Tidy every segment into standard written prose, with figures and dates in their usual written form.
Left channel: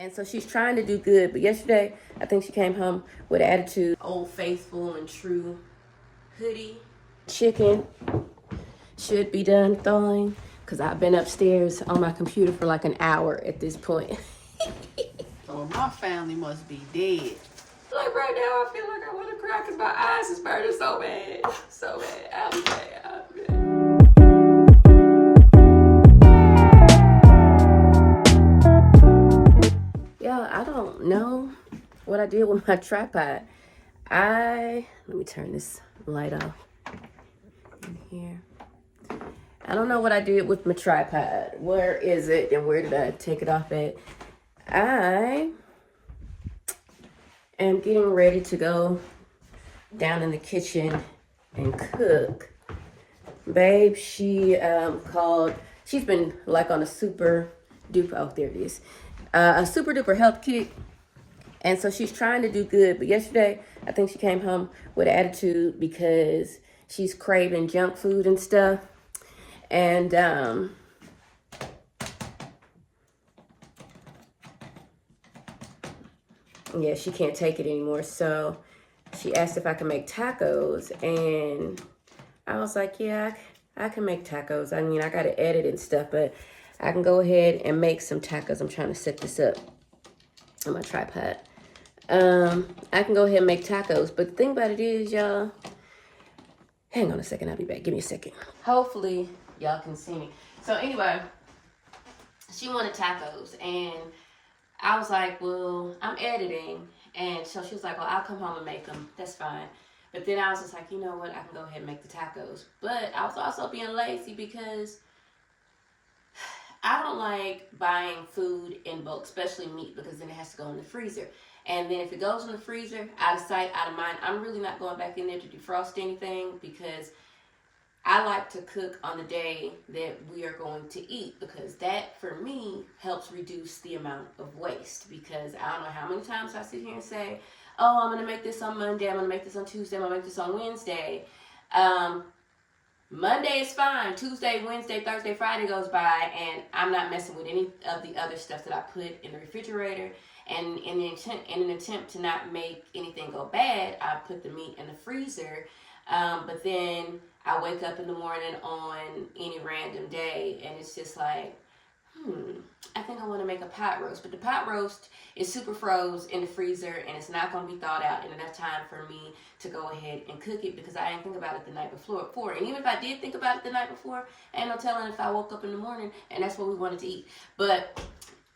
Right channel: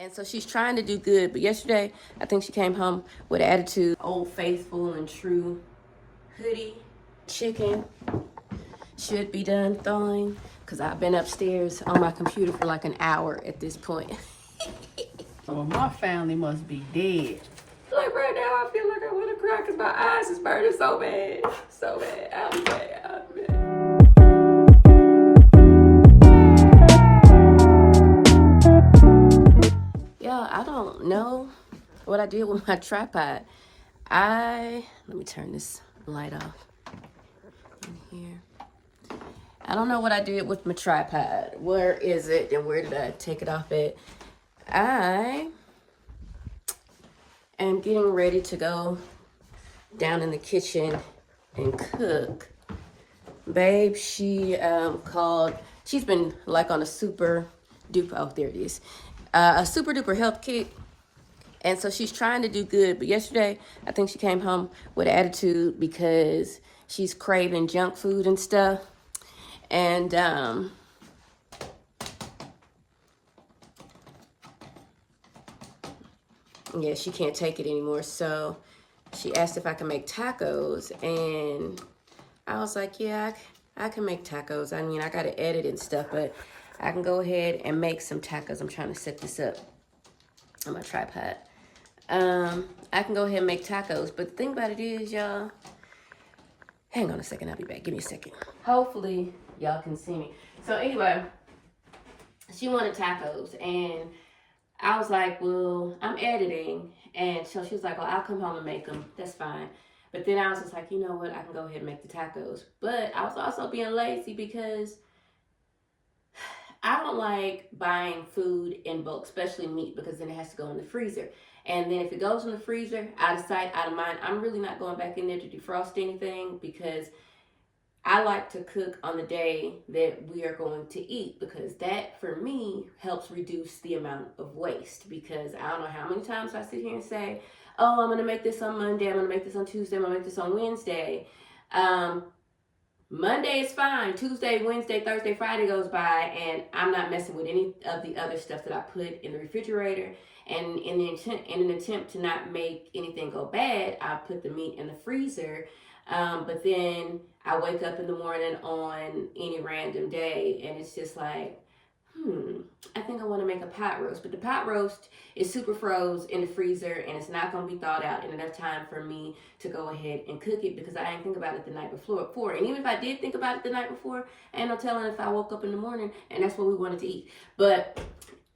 And so she's trying to do good, but yesterday I think she came home with attitude. Old Faithful and True hoodie. Chicken should be done thawing because I've been upstairs on my computer for like an hour at this point. Well, my family must be dead. Like right now I feel like I want to cry because my eyes is burning so bad. So bad. I'll be back. I'll be back. I don't know what I did with my tripod. Let me turn this light off in here. I don't know what I did with my tripod. Where is it and where did I take it off at? I am getting ready to go down in the kitchen and cook. Babe, she called, she's been like on a super duper, oh there it is. A super duper health kick. And so she's trying to do good. But yesterday, I think she came home with attitude because she's craving junk food and stuff. And yeah, she can't take it anymore. So she asked if I can make tacos. And I was like, yeah, I can make tacos. I mean, I got to edit and stuff, but I can go ahead and make some tacos. I'm trying to set this up on my tripod. I can go ahead and make tacos, but the thing about it is, y'all, hang on a second, I'll be back. Give me a second. Hopefully, y'all can see me. So anyway, she wanted tacos, and I was like, well, I'm editing, and so she was like, well, I'll come home and make them. That's fine. But then I was just like, you know what, I can go ahead and make the tacos. But I was also being lazy because I don't like buying food in bulk, especially meat, because then it has to go in the freezer. And then if it goes in the freezer, out of sight, out of mind, I'm really not going back in there to defrost anything because I like to cook on the day that we are going to eat, because that, for me, helps reduce the amount of waste. Because I don't know how many times I sit here and say, oh, I'm going to make this on Monday, I'm going to make this on Tuesday, I'm going to make this on Wednesday. Monday is fine. Tuesday, Wednesday, Thursday, Friday goes by, and I'm not messing with any of the other stuff that I put in the refrigerator. And in an attempt to not make anything go bad, I put the meat in the freezer. But then I wake up in the morning on any random day, and it's just like, I think I want to make a pot roast. But the pot roast is super froze in the freezer, and it's not going to be thawed out in enough time for me to go ahead and cook it, because I didn't think about it the night before. And even if I did think about it the night before, ain't no telling if I woke up in the morning and that's what we wanted to eat. But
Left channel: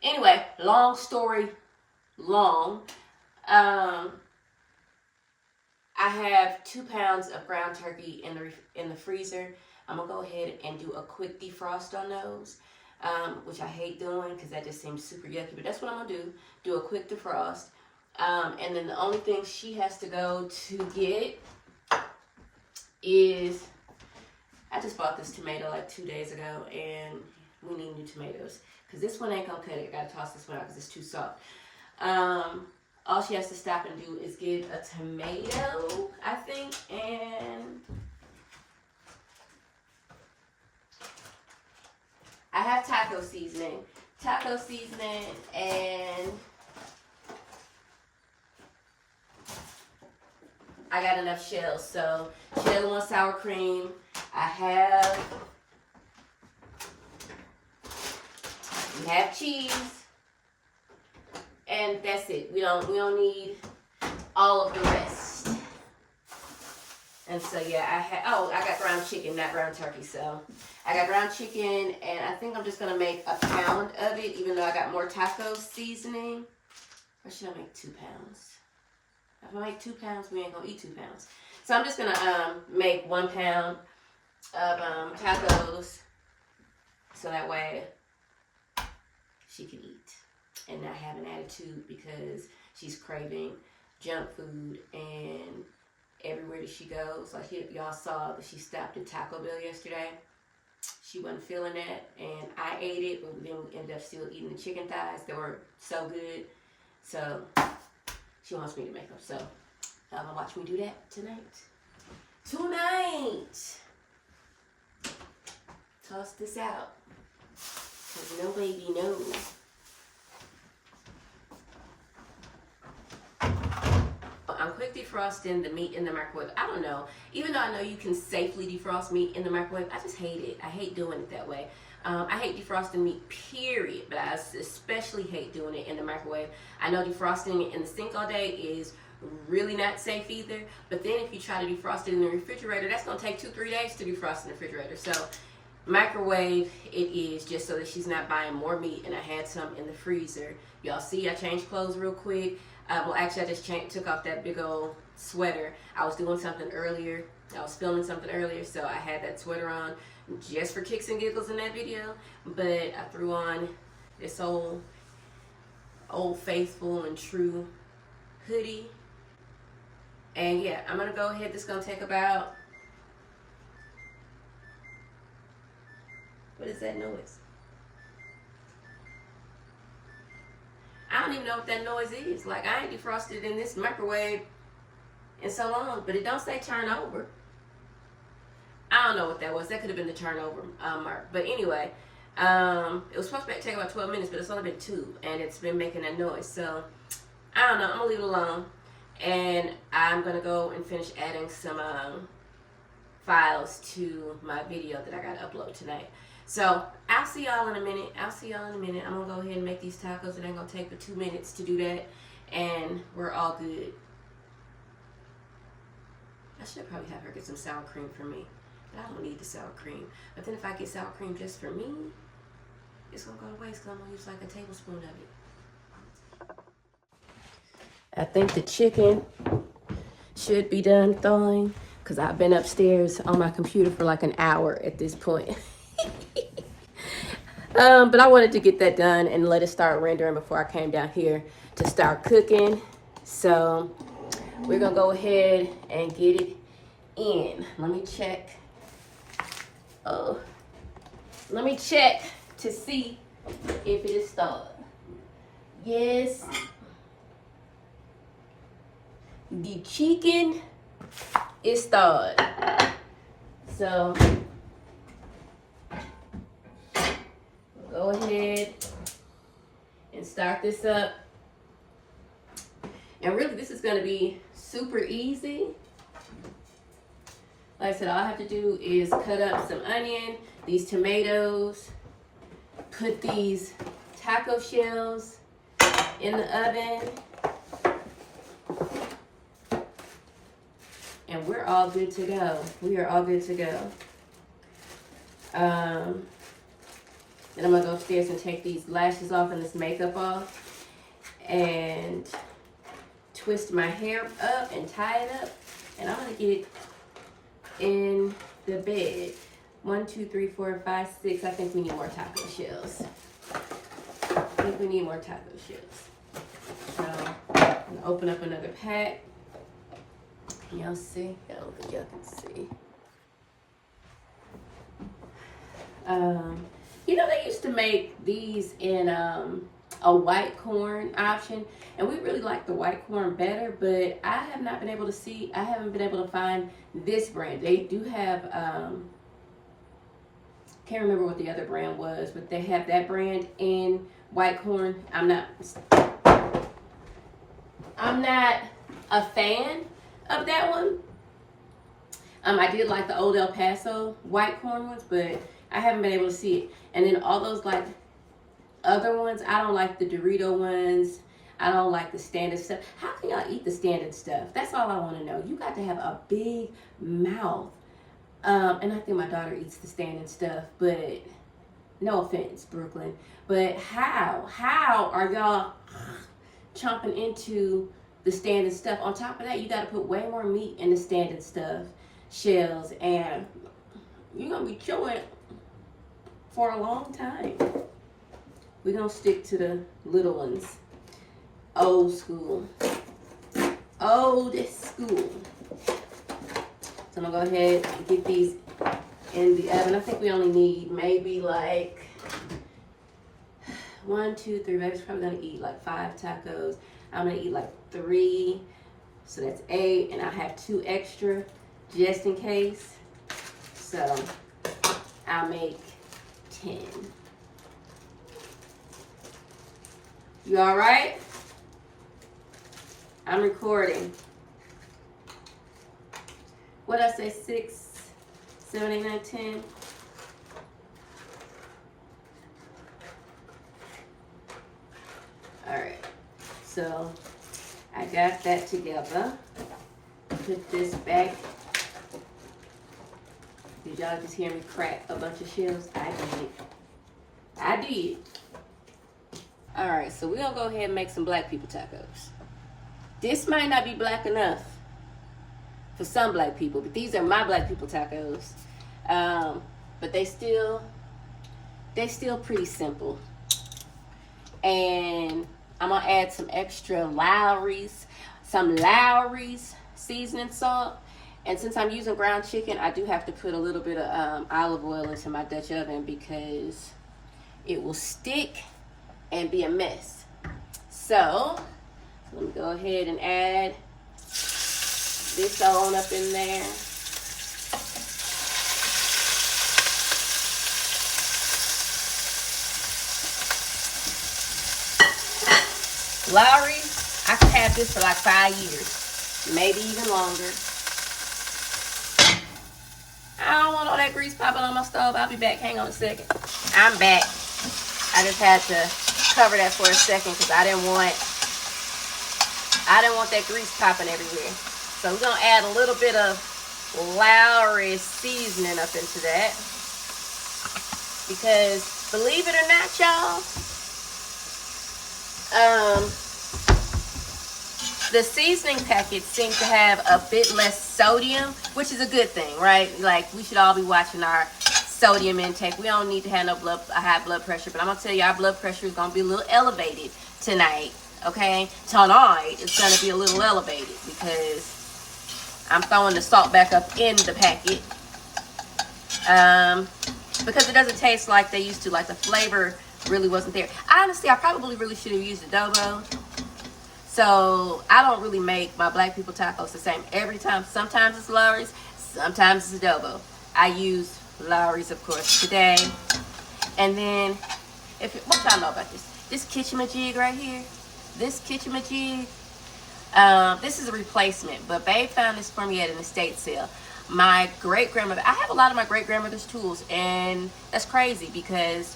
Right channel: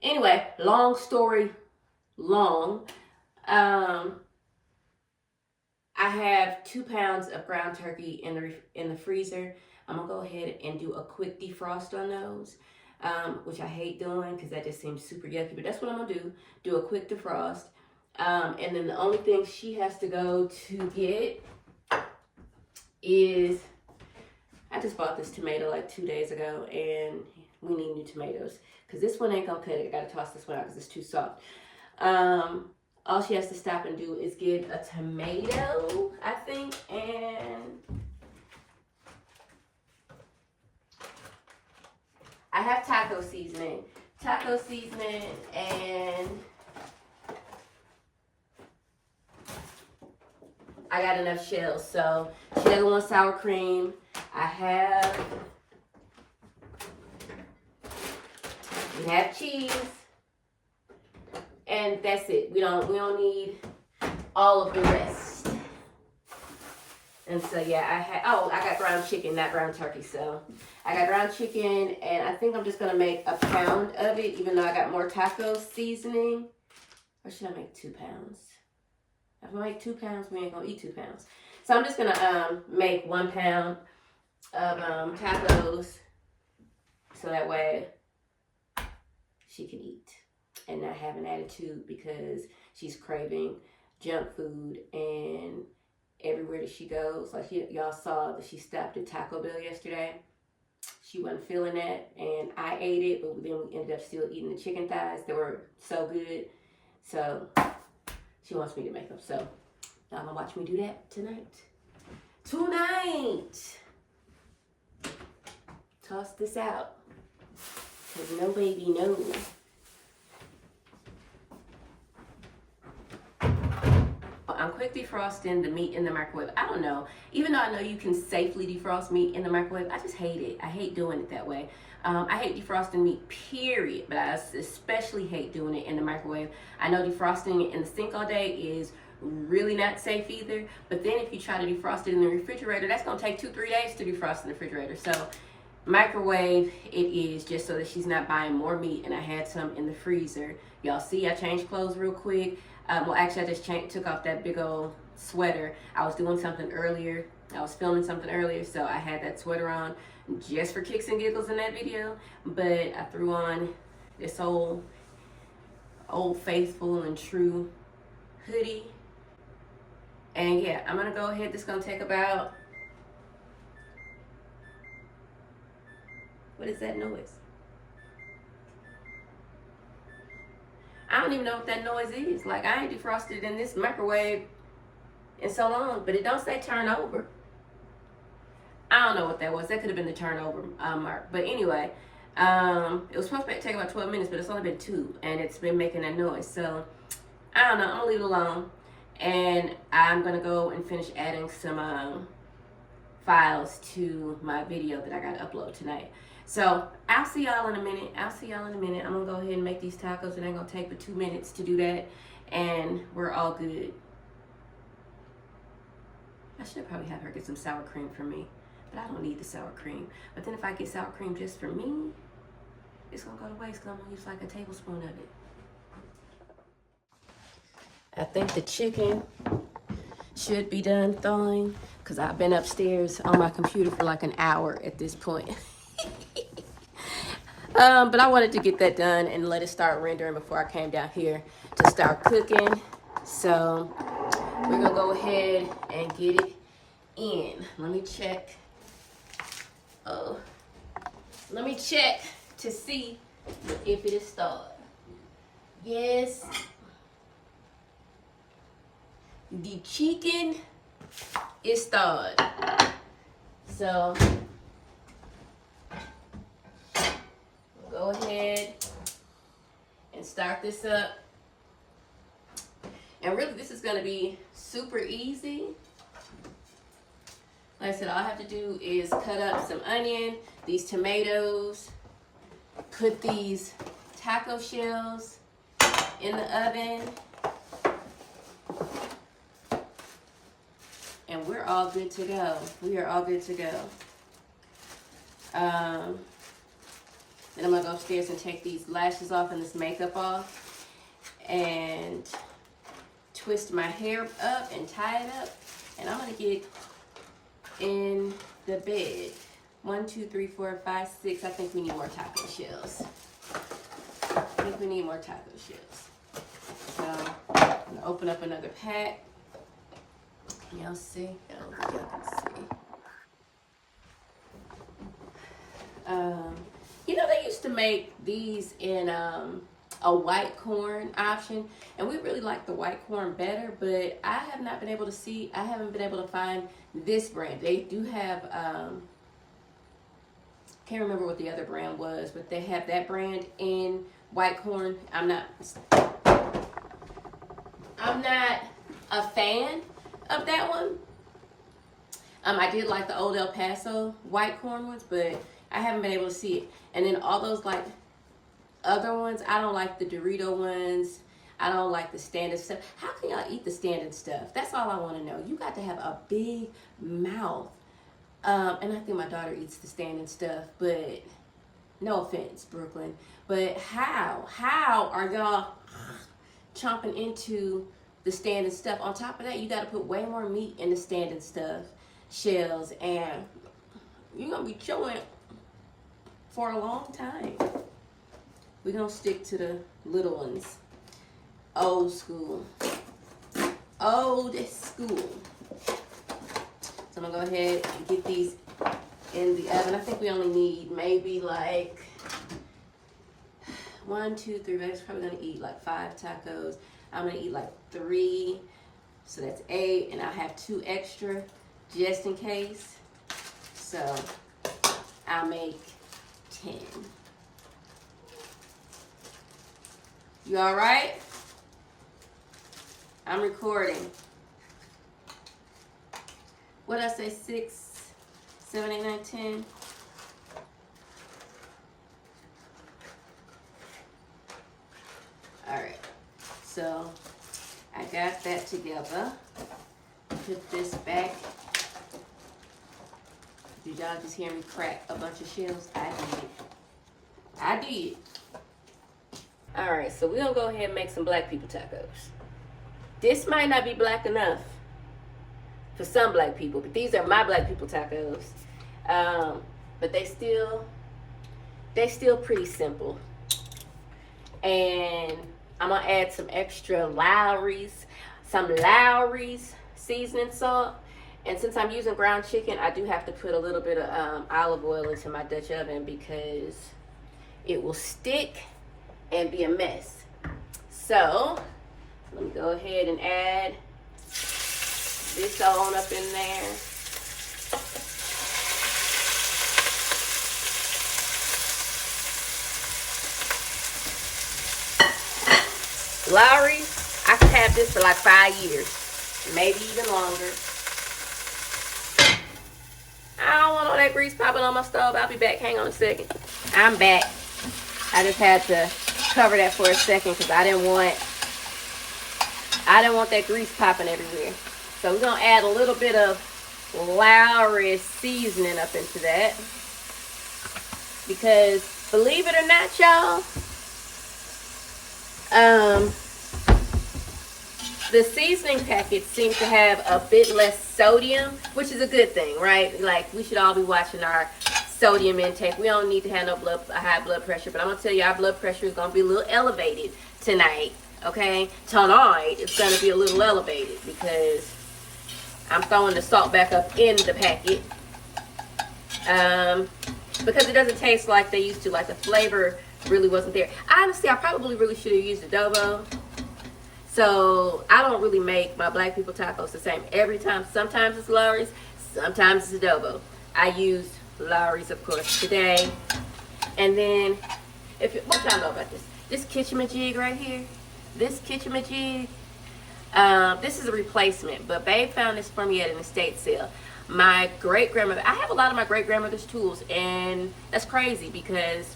anyway, long story long. I have 2 pounds of ground turkey in the freezer. I'm gonna go ahead and do a quick defrost on those, which I hate doing because that just seems super yucky. But that's what I'm gonna do a quick defrost. And then the only thing she has to go to get is, I just bought this tomato like 2 days ago, and we need new tomatoes because this one ain't gonna cut it. I gotta toss this one out because it's too soft. All she has to stop and do is get a tomato, I think, and I have taco seasoning, and I got enough shells. So she doesn't want sour cream. We have cheese. And that's it. We don't need all of the rest. And so yeah, I got ground chicken, not ground turkey. So I got ground chicken, and I think I'm just gonna make a pound of it, even though I got more taco seasoning. Or should I make 2 pounds? If I make 2 pounds, we ain't gonna eat 2 pounds. So I'm just gonna make 1 pound of tacos, so that way she can eat and not have an attitude because she's craving junk food. And everywhere that she goes, like y'all saw that she stopped at Taco Bell yesterday. She wasn't feeling that, and I ate it, but then we ended up still eating the chicken thighs. They were so good. So she wants me to make them. So y'all gonna watch me do that tonight. Toss this out, because no baby knows. quick defrosting the meat in the microwave. I don't know. Even though I know you can safely defrost meat in the microwave, I just hate it. I hate doing it that way. I hate defrosting meat, period, but I especially hate doing it in the microwave. I know defrosting it in the sink all day is really not safe either, but then if you try to defrost it in the refrigerator, that's gonna take 2-3 days to defrost in the refrigerator. So microwave it is, just so that she's not buying more meat. And I had some in the freezer. Y'all see I changed clothes real quick. Well, actually I just took off that big old sweater. I was doing something earlier. I was filming something earlier, so I had that sweater on just for kicks and giggles in that video. But I threw on this old faithful and true hoodie. And yeah, I'm gonna go ahead. This is gonna take about, what is that noise? I don't even know what that noise is. Like, I ain't defrosted in this microwave in so long, but it don't say turn over. I don't know what that was. That could have been the turnover mark. But anyway, it was supposed to take about 12 minutes, but it's only been 2, and it's been making that noise. So, I don't know. I'm going to leave it alone. And I'm going to go and finish adding some files to my video that I got to upload tonight. So, I'll see y'all in a minute. I'm going to go ahead and make these tacos. It ain't going to take but 2 minutes to do that. And we're all good. I should probably have her get some sour cream for me. But I don't need the sour cream. But then if I get sour cream just for me, it's going to go to waste because I'm going to use like a tablespoon of it. I think the chicken should be done thawing because I've been upstairs on my computer for like an hour at this point. But I wanted to get that done and let it start rendering before I came down here to start cooking. So we're going to go ahead and get it in. Let me check. Let me check to see if it is thawed. Yes. The chicken is thawed. So go ahead and start this up. And really, this is going to be super easy. Like I said, all I have to do is cut up some onion, these tomatoes, put these taco shells in the oven, and we're all good to go. We are all good to go. Then I'm going to go upstairs and take these lashes off and this makeup off and twist my hair up and tie it up. And I'm going to get in the bed. 1, 2, 3, 4, 5, 6. I think we need more taco shells. So I'm gonna open up another pack. Can y'all see? I don't think y'all can see. You know, they used to make these in a white corn option, and we really like the white corn better, but I have not been able to see, I haven't been able to find this brand. They do have, can't remember what the other brand was, but they have that brand in white corn. I'm not a fan of that one. I did like the old El Paso white corn ones, but I haven't been able to see it. And then all those like other ones, I don't like the Dorito ones. I don't like the standard stuff. How can y'all eat the standard stuff? That's all I want to know. You got to have a big mouth. And I think my daughter eats the standard stuff, but no offense, Brooklyn. But how are y'all chomping into the standard stuff? On top of that, you got to put way more meat in the standard stuff, shells, and you're going to be chewing for a long time. We're going to stick to the little ones. Old school. Old school. So I'm going to go ahead and get these in the oven. I think we only need maybe like 1, 2, 3. Baby's probably going to eat like 5 tacos. I'm going to eat like 3. So that's 8. And I have 2 extra just in case. So I'll make 10. You all right? I'm recording. what did I say, 6, 7, 8, 9, 10. All right, so I got that together. Put this back. Did y'all just hear me crack a bunch of shells? I did. All right, so we're gonna go ahead and make some black people tacos. This might not be black enough for some black people, but these are my black people tacos. But they still pretty simple. And I'm gonna add some extra Lowry's seasoning salt. And since I'm using ground chicken, I do have to put a little bit of olive oil into my Dutch oven because it will stick and be a mess. So let me go ahead and add this on up in there. Lowry, I could have this for like 5 years, maybe even longer. I don't want all that grease popping on my stove. I'll be back. Hang on a second. I'm back. I just had to cover that for a second because I didn't want that grease popping everywhere. So we're gonna add a little bit of Lowry seasoning up into that because believe it or not, y'all, the seasoning packets seem to have a bit less sodium, which is a good thing, right? Like, we should all be watching our sodium intake. We don't need to have high blood pressure, but I'm gonna tell you, our blood pressure is gonna be a little elevated tonight, okay? Tonight, it's gonna be a little elevated because I'm throwing the salt back up in the packet. Because it doesn't taste like they used to, like the flavor really wasn't there. Honestly, I probably really should have used adobo. So I don't really make my black people tacos the same every time. Sometimes it's Lowry's, sometimes it's adobo. I use Lowry's, of course, today. And then, what y'all know about this? This kitchen majig right here. This kitchen majig. This is a replacement, but Babe found this for me at an estate sale. My great-grandmother, I have a lot of my great-grandmother's tools, and that's crazy because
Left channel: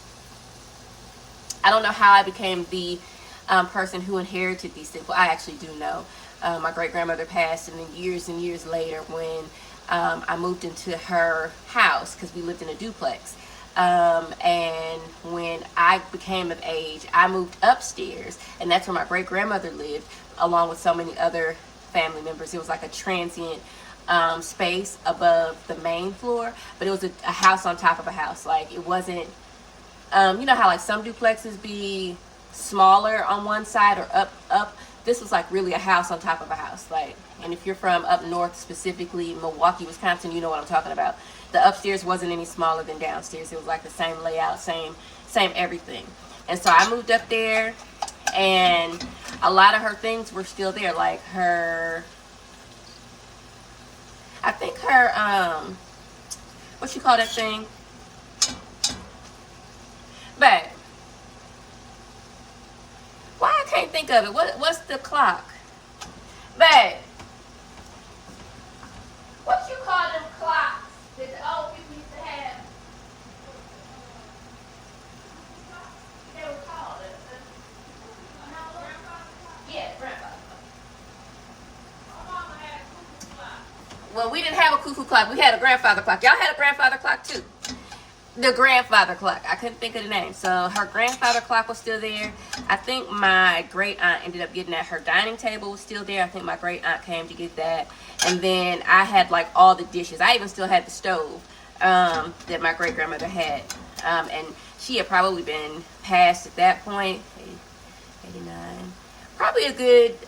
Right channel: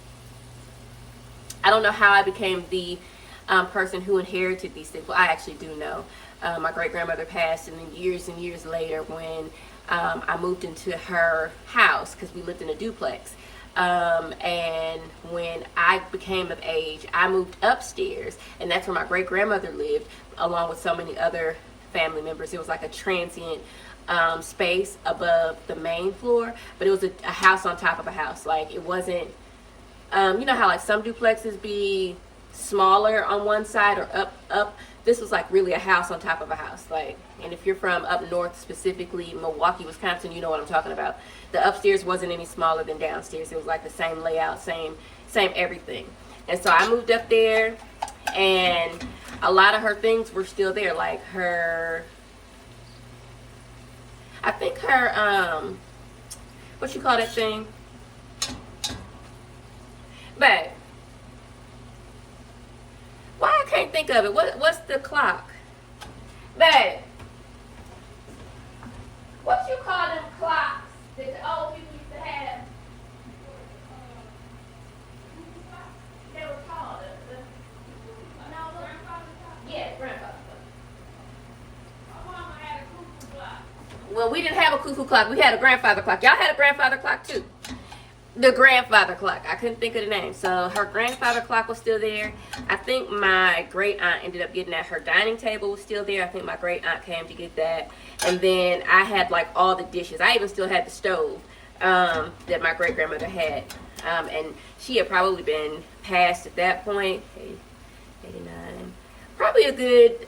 I don't know how I became the person who inherited these things. Well, I actually do know. My great-grandmother passed, and then years and years later when I moved into her house, because we lived in a duplex, and when I became of age, I moved upstairs, and that's where my great-grandmother lived, along with so many other family members. It was like a transient space above the main floor, but it was a house on top of a house. Like, it wasn't, you know how like some duplexes be smaller on one side or up. This was like really a house on top of a house. Like, and if you're from up north, specifically Milwaukee, Wisconsin, you know what I'm talking about. The upstairs wasn't any smaller than downstairs. It was like the same layout, same everything. And so I moved up there, and a lot of her things were still there. Like I think her what you call that thing? But why I can't think of it? What's the clock? Babe, what you call them clocks that the old people used to have? They were called yeah, grandfather clock. Well, we didn't have a cuckoo clock. We had a grandfather clock. Y'all had a grandfather clock too. The grandfather clock. I couldn't think of the name. So her grandfather clock was still there. I think my great aunt ended up getting that. Her dining table was still there. I think my great aunt came to get that. And then I had like all the dishes. I even still had the stove that my great grandmother had. And she had probably been passed at that point. 89. Probably a good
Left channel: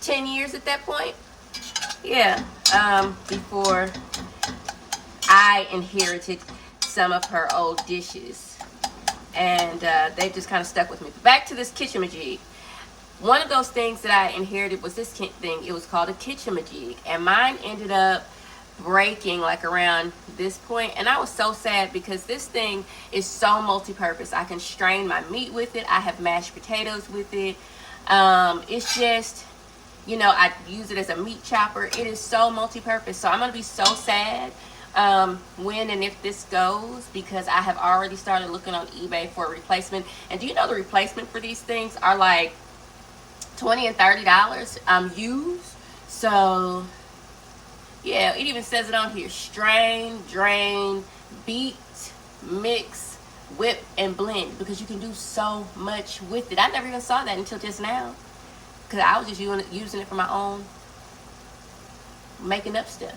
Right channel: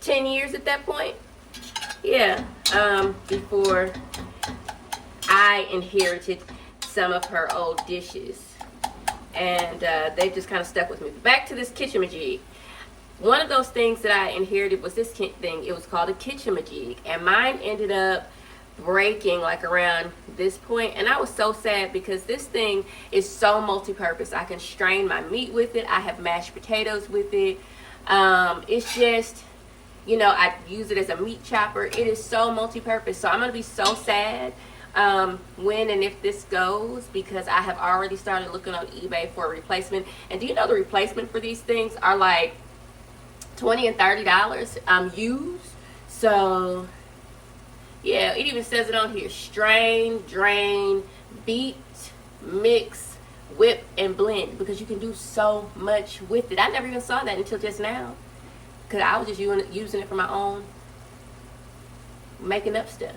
10 years at that point. Yeah. Before I inherited some of her old dishes, and they just kind of stuck with me. But back to this kitchen majig. One of those things that I inherited was this thing. It was called a kitchen majig, and mine ended up breaking like around this point, and I was so sad because this thing is so multi-purpose. I can strain my meat with it. I have mashed potatoes with it. It's just, You know, I use it as a meat chopper. It is so multi-purpose. So I'm going to be so sad when and if this goes, because I have already started looking on eBay for a replacement. And do you know the replacement for these things are like $20 and $30 used? So yeah, it even says it on here: strain, drain, beat, mix, whip, and blend, because you can do so much with it. I never even saw that until just now, because I was just using it for my own making up stuff.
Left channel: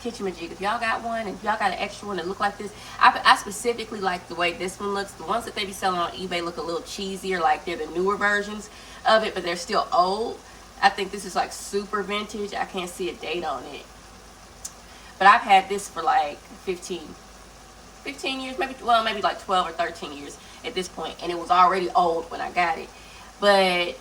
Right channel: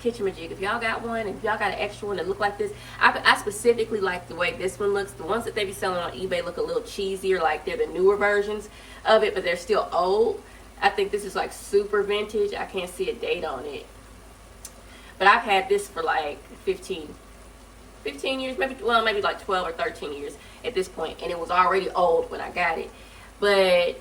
Kitchen Majig. If y'all got one, if y'all got an extra one that look like this, I specifically like the way this one looks. The ones that they be selling on eBay look a little cheesier, like they're the newer versions of it, but they're still old. I think this is like super vintage. I can't see a date on it, but I've had this for like 15 years, maybe like 12 or 13 years at this point, and it was already old when I got it. But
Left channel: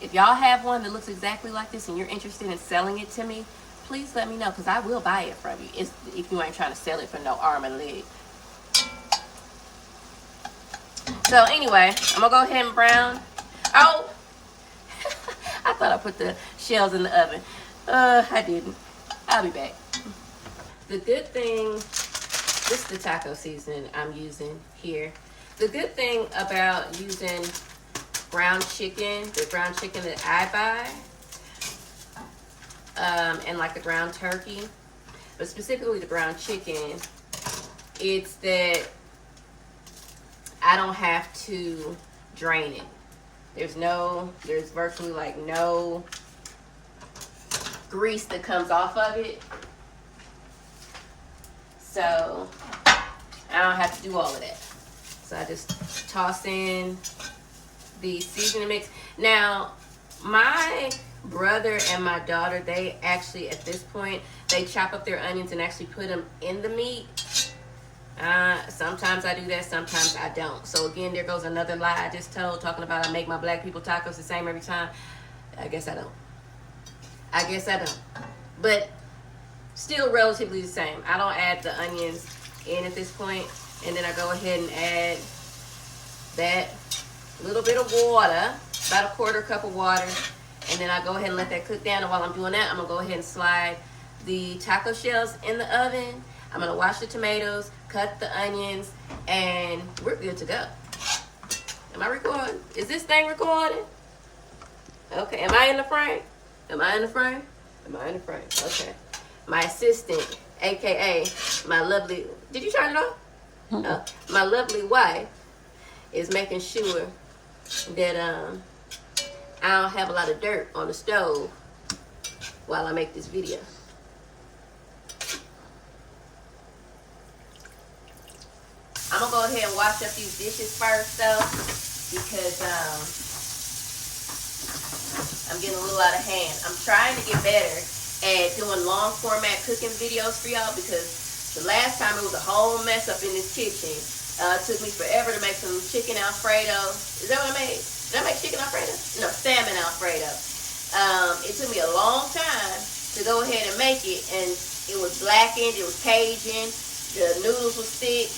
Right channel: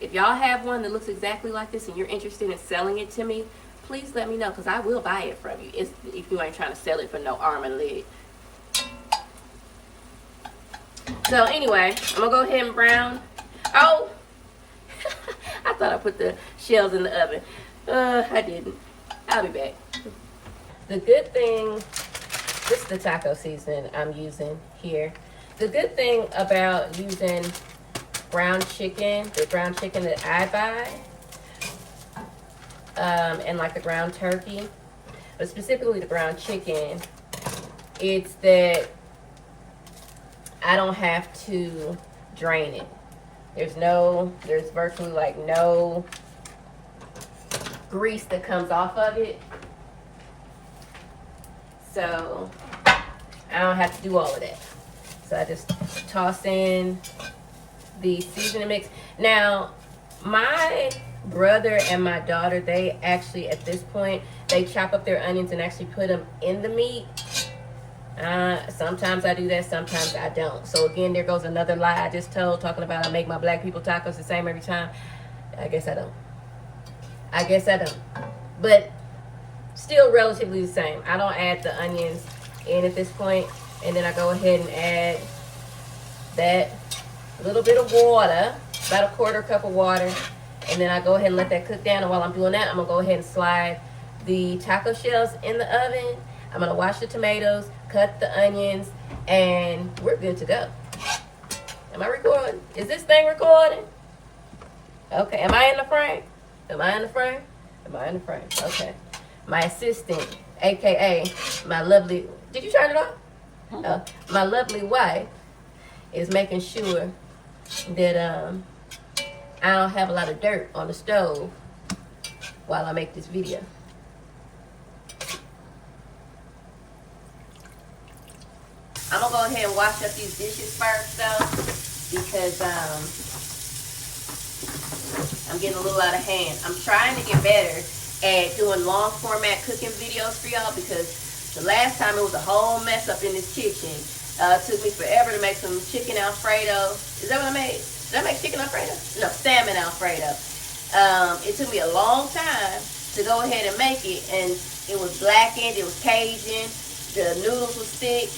if y'all have one that looks exactly like this and you're interested in selling it to me, please let me know, because I will buy it from you, if you ain't trying to sell it for no arm and leg. So anyway, I'm gonna go ahead and brown. Oh, I thought I put the shells in the oven. I didn't. I'll be back. The good thing, this is the taco seasoning I'm using here. The good thing about using ground chicken, the ground chicken that I buy, and like the ground turkey, but specifically the ground chicken, it's that I don't have to drain it. There's virtually like no grease that comes off of it. So I don't have to do all of that. So I just toss in the seasoning mix. Now, my brother and my daughter, they actually, at this point, they chop up their onions and actually put them in the meat. Sometimes I do that, sometimes I don't. So again, there goes another lie I just told, talking about I make my black people tacos the same every time. I guess I don't. But still relatively the same. I don't add the onions in at this point, and then I go ahead and add that little bit of water, about a quarter cup of water, and then I go ahead and let that cook down. And while I'm doing that, I'm gonna go ahead and slide the taco shells in the oven. I'm gonna wash the tomatoes, cut the onions, and we're good to go. Am I recording? Is this thing recording? Okay, am I in the frame? Okay. My assistant, AKA my lovely, did you turn it on? My lovely wife is making sure that I don't have a lot of dirt on the stove while I make this video. I'm gonna go ahead and wash up these dishes first though, because I'm getting a little out of hand. I'm trying to get better at doing long format cooking videos for y'all, because the last time it was a whole mess up in this kitchen. It took me forever to make some chicken Alfredo. Is that what I made? Did I make chicken Alfredo? No, salmon Alfredo. It took me a long time to go ahead and make it, and it was blackened, it was Cajun, the noodles was thick,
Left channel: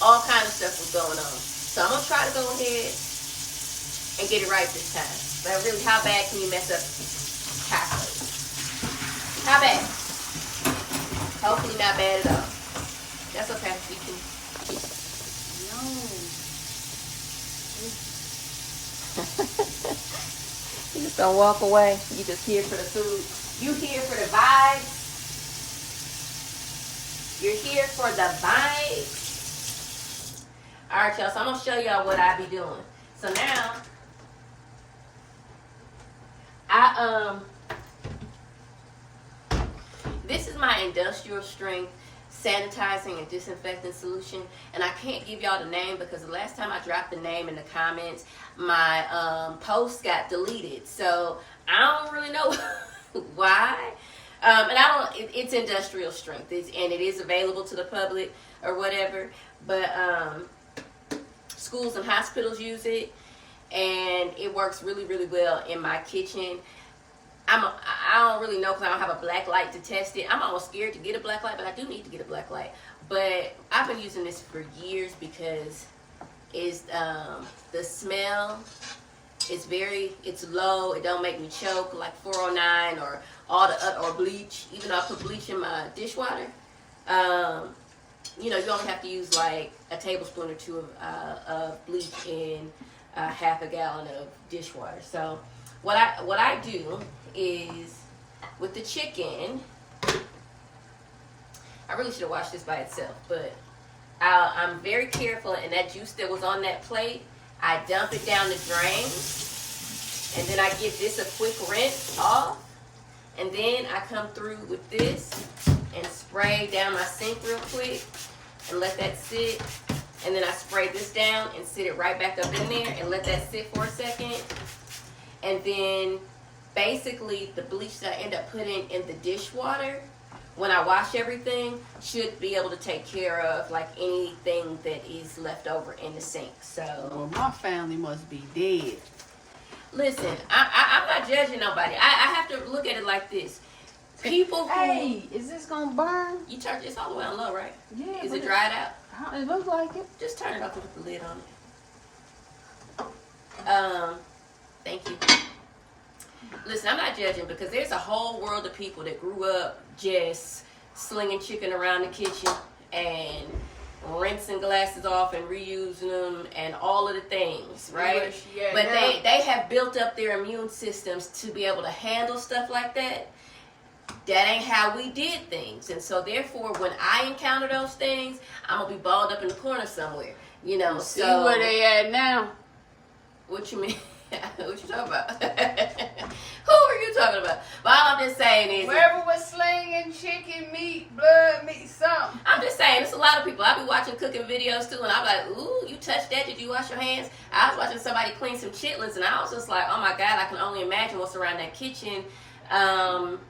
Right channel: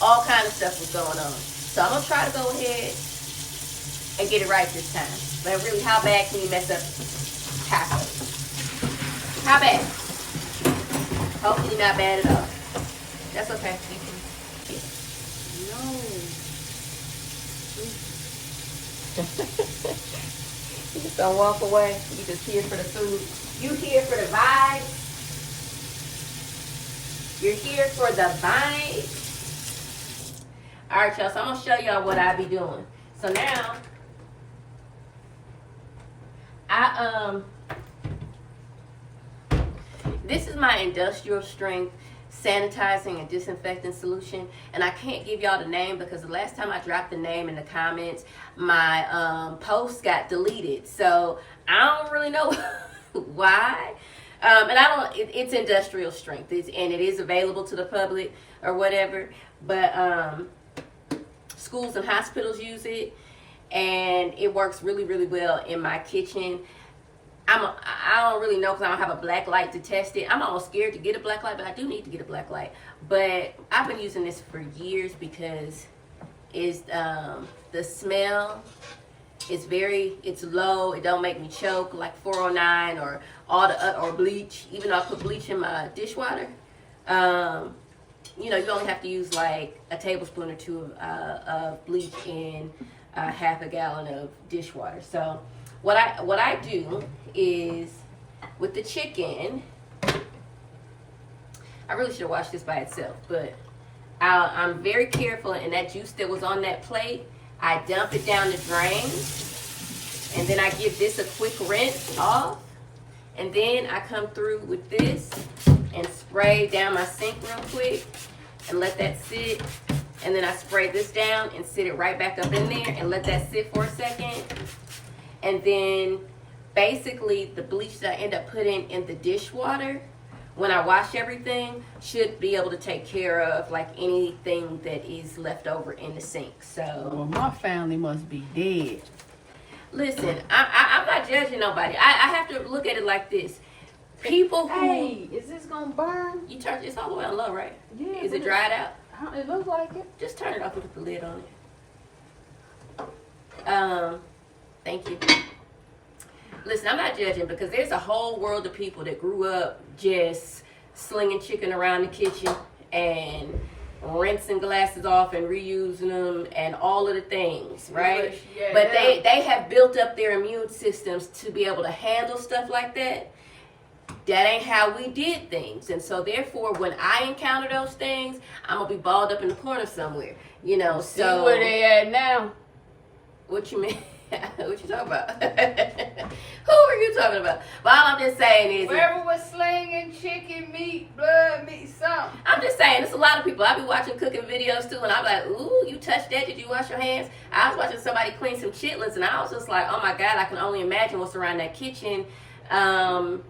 all kind of stuff was going on. So I'm gonna try to go ahead and get it right this time. But really, how bad can you mess up tacos? How bad? Hopefully not bad at all. That's okay. You just don't walk away. You just here for the food. You here for the vibes. You're here for the vibes. All right, y'all. So I'm gonna show y'all what I be doing. So now, this is my industrial strength sanitizing and disinfecting solution, and I can't give y'all the name because the last time I dropped the name in the comments, my post got deleted, so I don't really know why. And it's industrial strength, and it is available to the public or whatever, but schools and hospitals use it, and it works really, really well in my kitchen. I don't really know because I don't have a black light to test it. I'm almost scared to get a black light, but I do need to get a black light. But I've been using this for years because it's the smell It's low. It don't make me choke like 409 or or bleach. Even though I put bleach in my dishwater, you know, you only have to use like a tablespoon or two of bleach in half a gallon of dishwater. So what I do is with the chicken, I really should have washed this by itself, but I'm very careful, and that juice that was on that plate, I dump it down the drain, and then I give this a quick rinse off, and then I come through with this and spray down my sink real quick and let that sit, and then I spray this down and sit it right back up in there and let that sit for a second, and then basically the bleach that I end up putting in the dishwater when I wash everything should be able to take care of like anything that is left over in the sink. So, well, my family must be dead. Listen, I'm not judging nobody. I have to look at it like this. People who... Hey, is this gonna burn? You turn this all the way on low, right? Yeah. Is it dried out? It looks like it. Just turn it off with the lid on it. Thank you. Listen, I'm not judging because there's a whole world of people that grew up just slinging chicken around the kitchen and rinsing glasses off and reusing them and all of the things, right? Yeah, but they have built up their immune systems to be able to handle stuff like that. That ain't how we did things. And so therefore, when I encounter those things, I'm going to be balled up in the corner somewhere, you know. See where they at now. What you mean? What you talking about? Who are you talking about? But all I'm just saying is... Wherever was slinging chicken, meat, blood, meat, something. I'm just saying, it's a lot of people. I be watching cooking videos too, and I'm like, ooh, you touched that? Did you wash your hands? I was watching somebody clean some chitlins, and I was just like, oh my God, I can only imagine what's around that kitchen.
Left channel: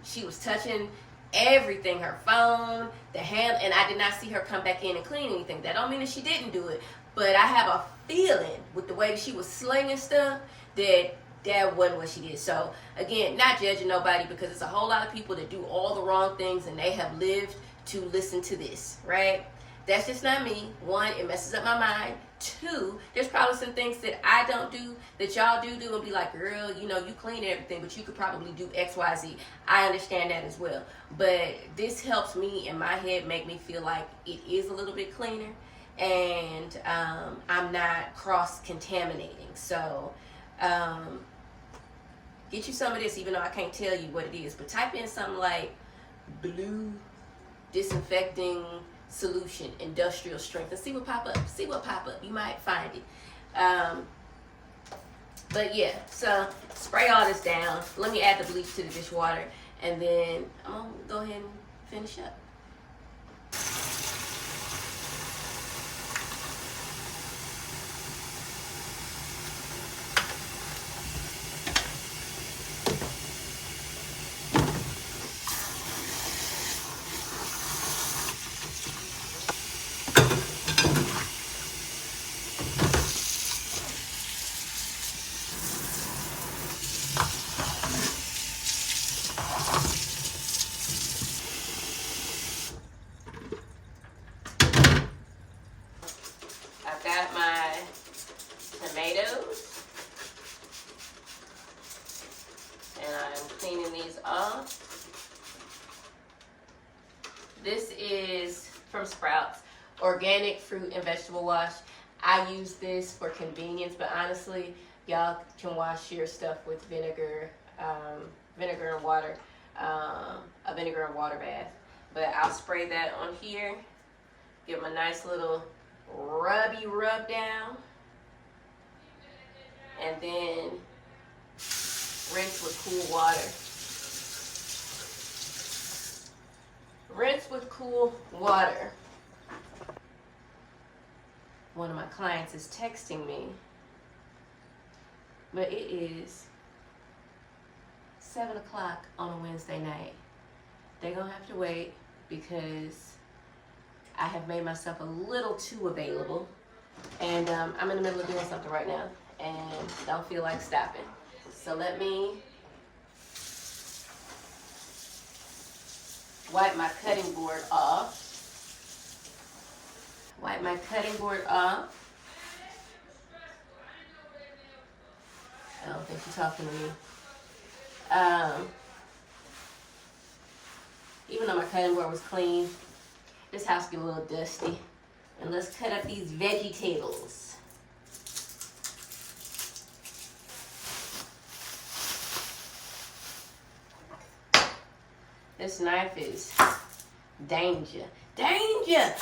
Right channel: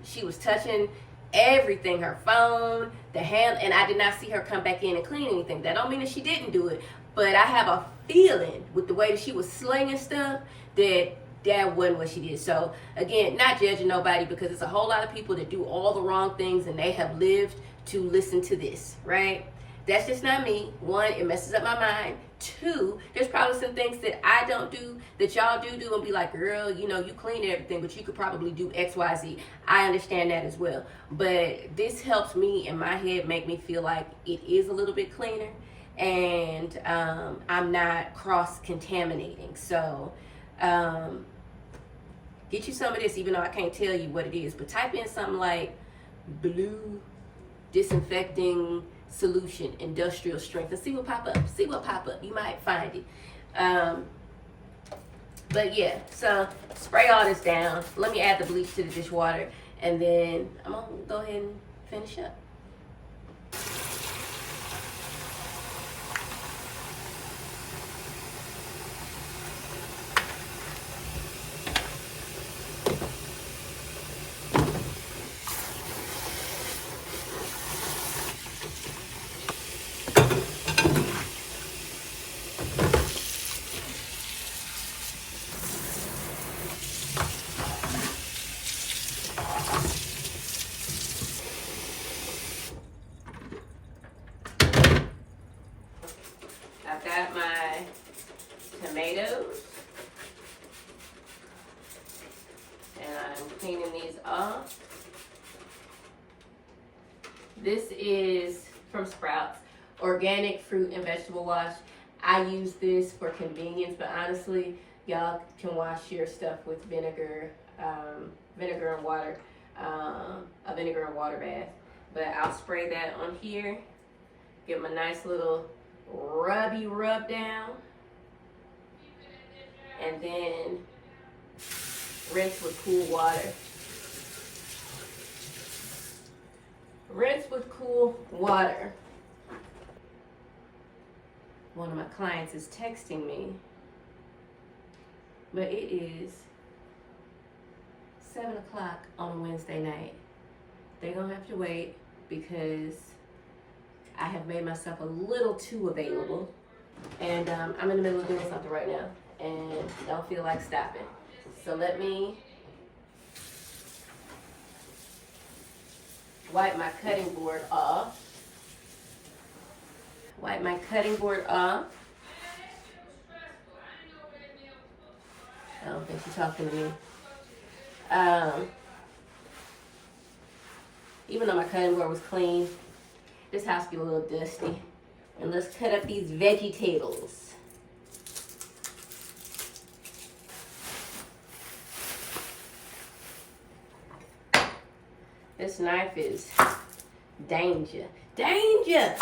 She was touching everything, her phone, the hand, and I did not see her come back in and clean anything. That don't mean that she didn't do it, but I have a feeling with the way that she was slinging stuff that wasn't what she did. So again, not judging nobody because it's a whole lot of people that do all the wrong things and they have lived to listen to this, right? That's just not me. One, it messes up my mind. Two, there's probably some things that I don't do that y'all do and be like, girl, you know, you clean everything, but you could probably do X, Y, Z. I understand that as well. But this helps me in my head make me feel like it is a little bit cleaner and I'm not cross-contaminating. So get you some of this, even though I can't tell you what it is, but type in something like blue disinfecting solution, industrial strength, and see what pop up. See what pop up. You might find it. But yeah, so spray all this down. Let me add the bleach to the dishwater, and then I'm gonna go ahead and finish up. I've got my tomatoes, and I'm cleaning these off. This is from Sprouts, organic fruit and vegetable wash. I use this for convenience, but honestly, y'all can wash your stuff with vinegar and water, a vinegar and water bath. But I'll spray that on here, give them a nice little rubby rub down, and then rinse with cool water. Rinse with cool water. One of my clients is texting me, but it is 7 o'clock on a Wednesday night. They're gonna have to wait because I have made myself a little too available, and I'm in the middle of doing something right now and don't feel like stopping. So let me wipe my cutting board off. Wipe my cutting board off. I don't think she's talking to me. Even though my cutting board was clean, this house get a little dusty. And let's cut up these vegetables. This knife is danger. Danger!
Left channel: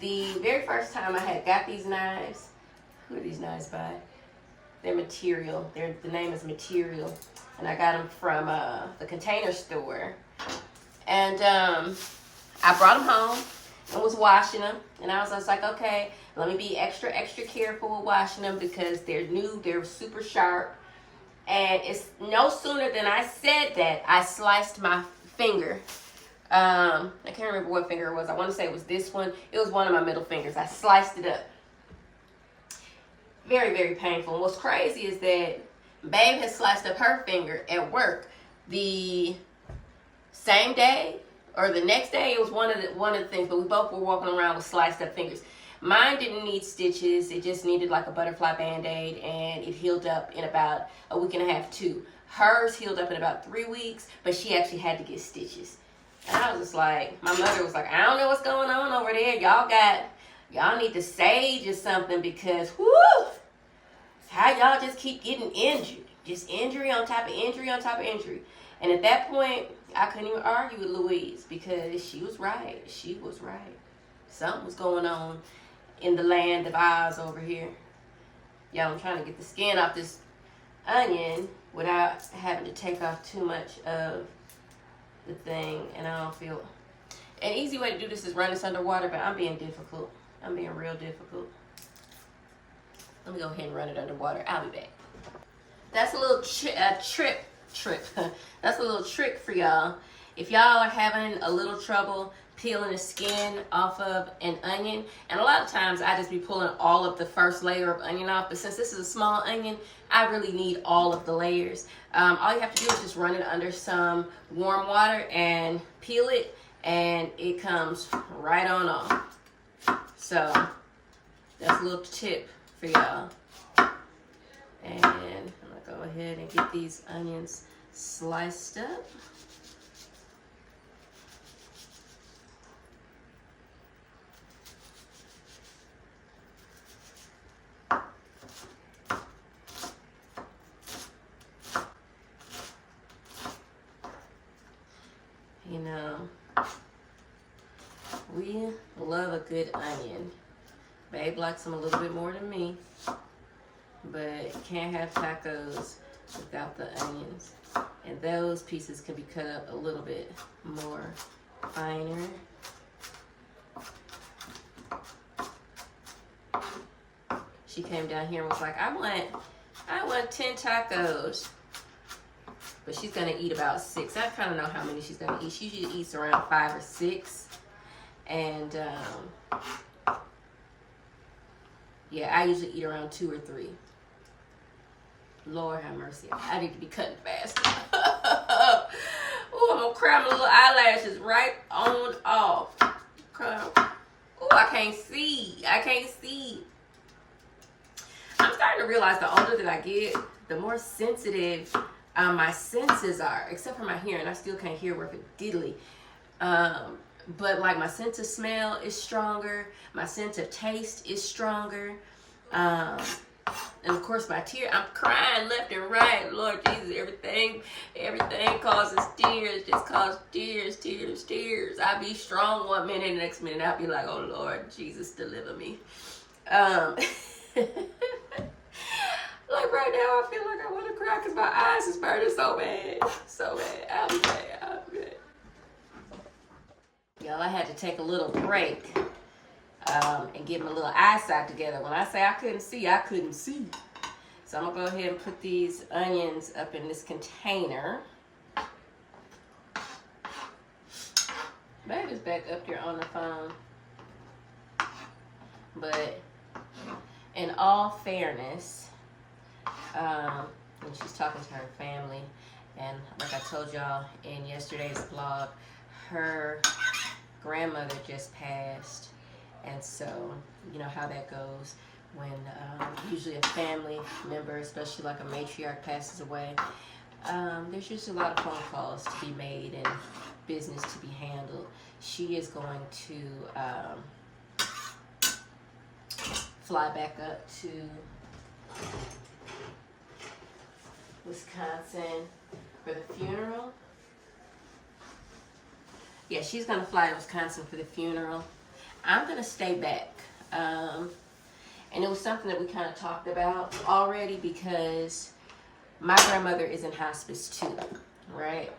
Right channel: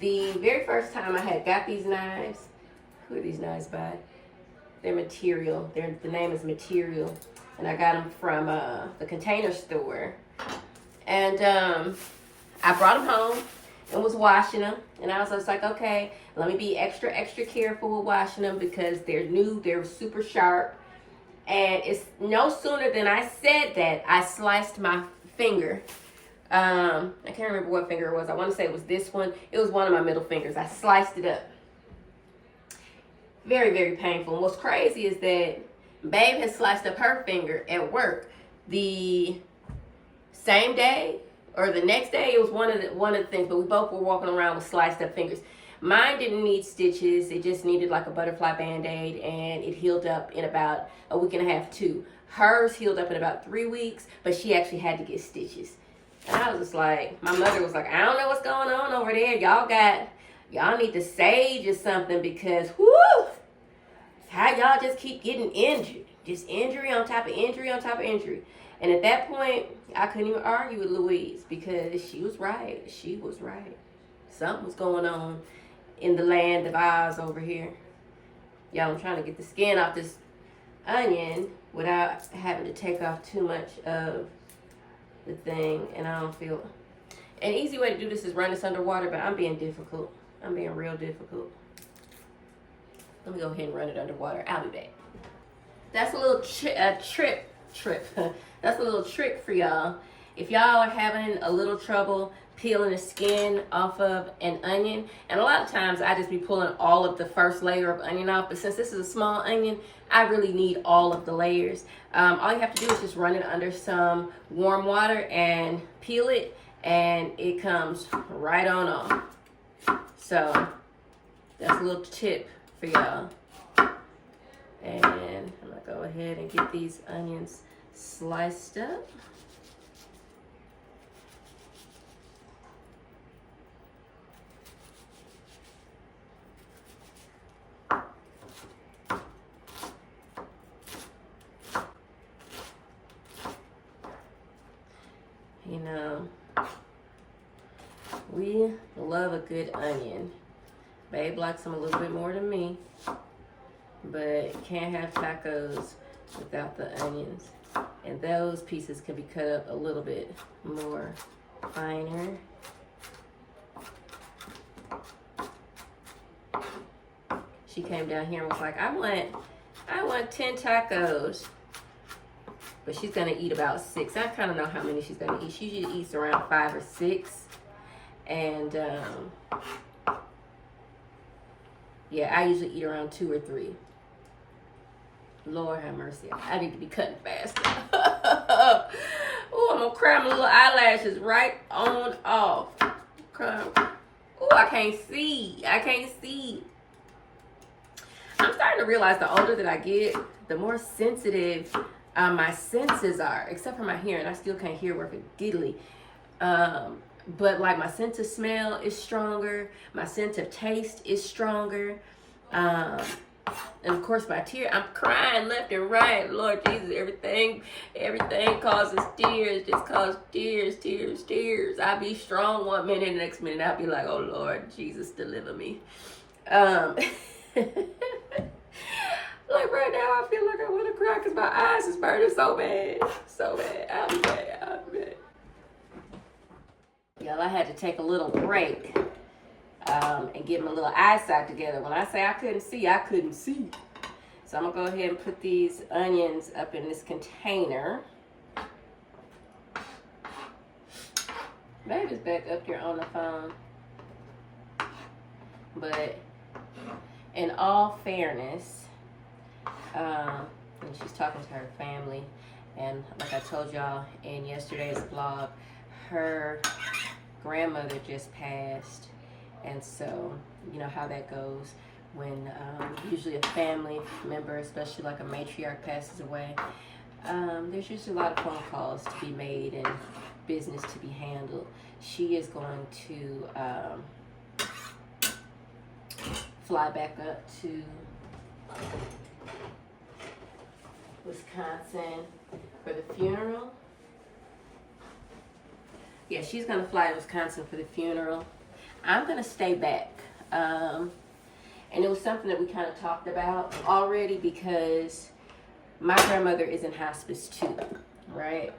The very first time I had got these knives, who are these knives by? They're Material. The name is Material. And I got them from the Container Store. And I brought them home and was washing them. And I was just like, okay, let me be extra, extra careful with washing them because they're new, they're super sharp. And it's no sooner than I said that, I sliced my finger. I can't remember what finger it was. I want to say it was this one. It was one of my middle fingers. I sliced it up. Very, very painful. And what's crazy is that Babe has sliced up her finger at work the same day or the next day. It was one of the things, but we both were walking around with sliced up fingers. Mine didn't need stitches. It just needed like a butterfly band-aid, and it healed up in about a week and a half, 2. Hers healed up in about 3 weeks, but she actually had to get stitches. And I was just like, my mother was like, I don't know what's going on over there. Y'all need to sage or something because, whoo, how y'all just keep getting injured. Just injury on top of injury on top of injury. And at that point, I couldn't even argue with Louise because she was right. She was right. Something was going on in the land of Oz over here. Y'all, I'm trying to get the skin off this onion without having to take off too much of the thing. And I don't feel... An easy way to do this is run this underwater, but I'm being difficult. I'm being real difficult. Let me go ahead and run it underwater. I'll be back. That's a little trick. That's a little trick for y'all. If y'all are having a little trouble peeling the skin off of an onion, and a lot of times I just be pulling all of the first layer of onion off, but since this is a small onion, I really need all of the layers. All you have to do is just run it under some warm water and peel it, and it comes right on off. So that's a little tip for y'all. And I'm gonna go ahead and get these onions sliced up. You know, we love a good onion. Babe likes them a little bit more than me, but can't have tacos without the onions. And those pieces can be cut up a little bit more finer. She came down here and was like, I want 10 tacos. But she's gonna eat about 6. I kind of know how many she's gonna eat. She usually eats around 5 or 6. And yeah, I usually eat around 2 or 3. Lord have mercy. I need to be cutting faster. Oh, I'm gonna cry my little eyelashes right on off. Oh, I can't see. I can't see. I'm starting to realize the older that I get, the more sensitive my senses are, except for my hearing. I still can't hear worth a diddly. But like my sense of smell is stronger. My sense of taste is stronger. And of course my tear, I'm crying left and right. Lord Jesus, everything causes tears. Just cause tears. I be strong one minute, the next minute I'll be like, oh Lord Jesus, deliver me. Like right now, I feel like I want to cry because my eyes is burning so bad. So bad. I'll be back. Y'all, I had to take a little break and get my little eyesight together. When I say I couldn't see, I couldn't see. So I'm going to go ahead and put these onions up in this container. Baby's back up here on the phone. But in all fairness, when she's talking to her family, and like I told y'all in yesterday's vlog, her grandmother just passed, and so you know how that goes when usually a family member, especially like a matriarch, passes away. There's usually a lot of phone calls to be made and business to be handled. She is going to fly back up to Wisconsin for the funeral. Yeah, she's going to fly to Wisconsin for the funeral. I'm going to stay back. And it was something that we kind of talked about already because my grandmother is in hospice too, right?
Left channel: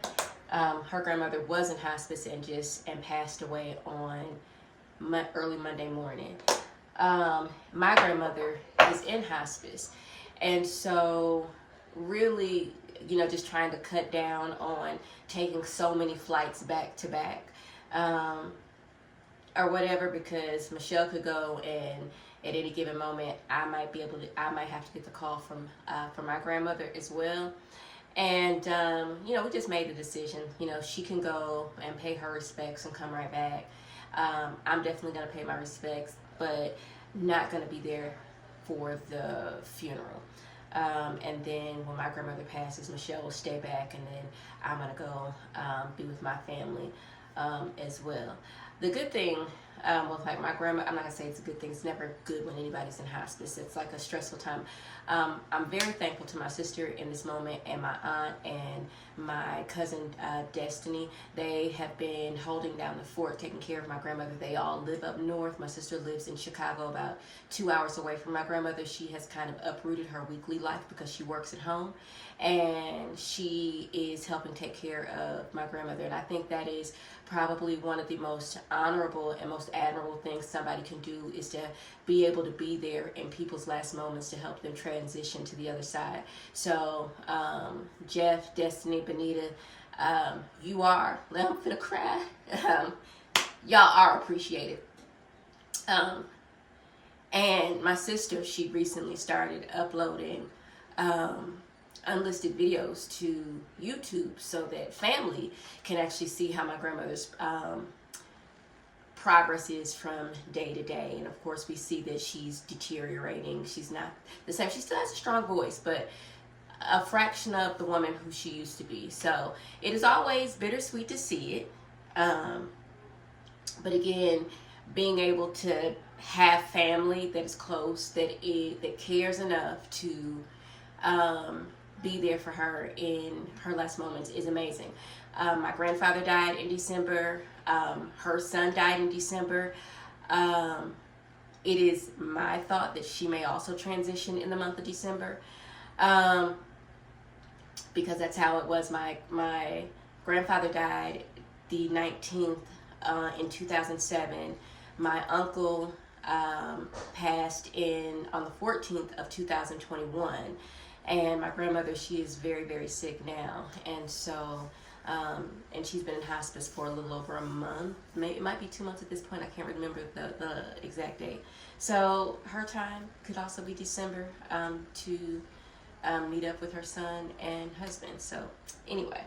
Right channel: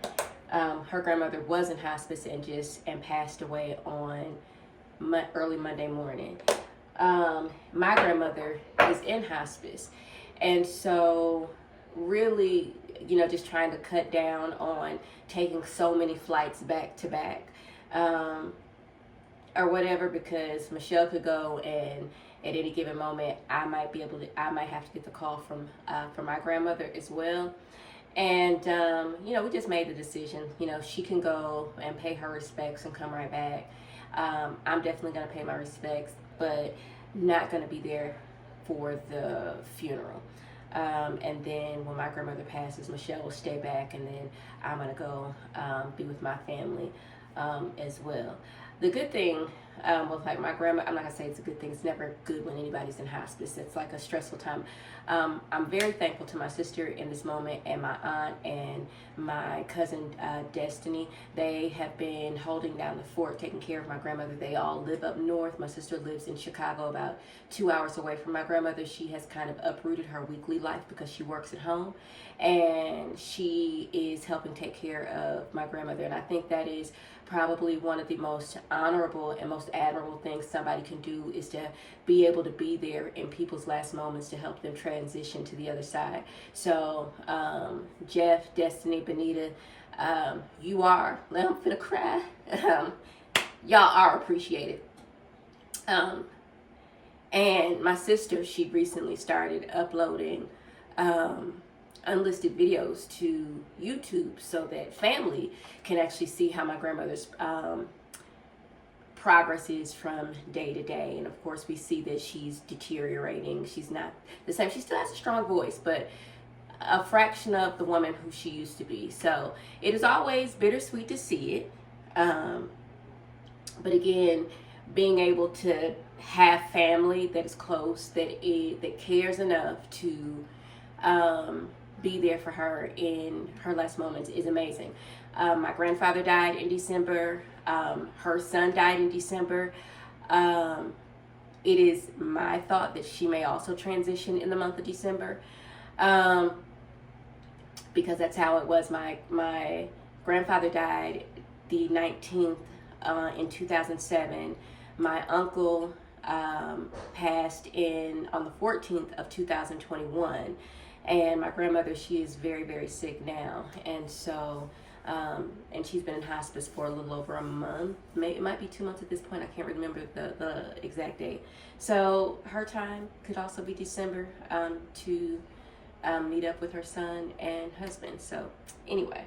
Her grandmother was in hospice and passed away on early Monday morning. My grandmother is in hospice. And so really, you know, just trying to cut down on taking so many flights back to back, or whatever, because Michelle could go and at any given moment, I might have to get the call from my grandmother as well. And, you know, we just made the decision, you know, she can go and pay her respects and come right back. I'm definitely going to pay my respects, but not going to be there for the funeral. And then when my grandmother passes, Michelle will stay back, and then I'm going to go be with my family as well. The good thing with like my grandma, I'm not gonna say it's a good thing. It's never good when anybody's in hospice. It's like a stressful time. I'm very thankful to my sister in this moment, and my aunt and my cousin Destiny. They have been holding down the fort, taking care of my grandmother. They all live up north. My sister lives in Chicago, about 2 hours away from my grandmother. She has kind of uprooted her weekly life because she works at home, and she is helping take care of my grandmother. And I think that is probably one of the most honorable and most admirable things somebody can do, is to be able to be there in people's last moments to help them transition to the other side. So Jeff, Destiny, Benita, you are, I'm finna cry, y'all are appreciated. And my sister, she recently started uploading unlisted videos to YouTube so that family can actually see how my grandmother's progress is from day to day. And of course we see that she's deteriorating. She's not the same. She still has a strong voice, but a fraction of the woman who she used to be. So it is always bittersweet to see it. But again, being able to have family that is close, that cares enough to be there for her in her last moments is amazing. My grandfather died in December. Her son died in December. It is my thought that she may also transition in the month of December, because that's how it was. My grandfather died the 19th in 2007. My uncle passed on the 14th of 2021. And my grandmother, she is very, very sick now. And so, and she's been in hospice for a little over a month. It might be 2 months at this point. I can't remember the exact date. So her time could also be December to meet up with her son and husband. So anyway,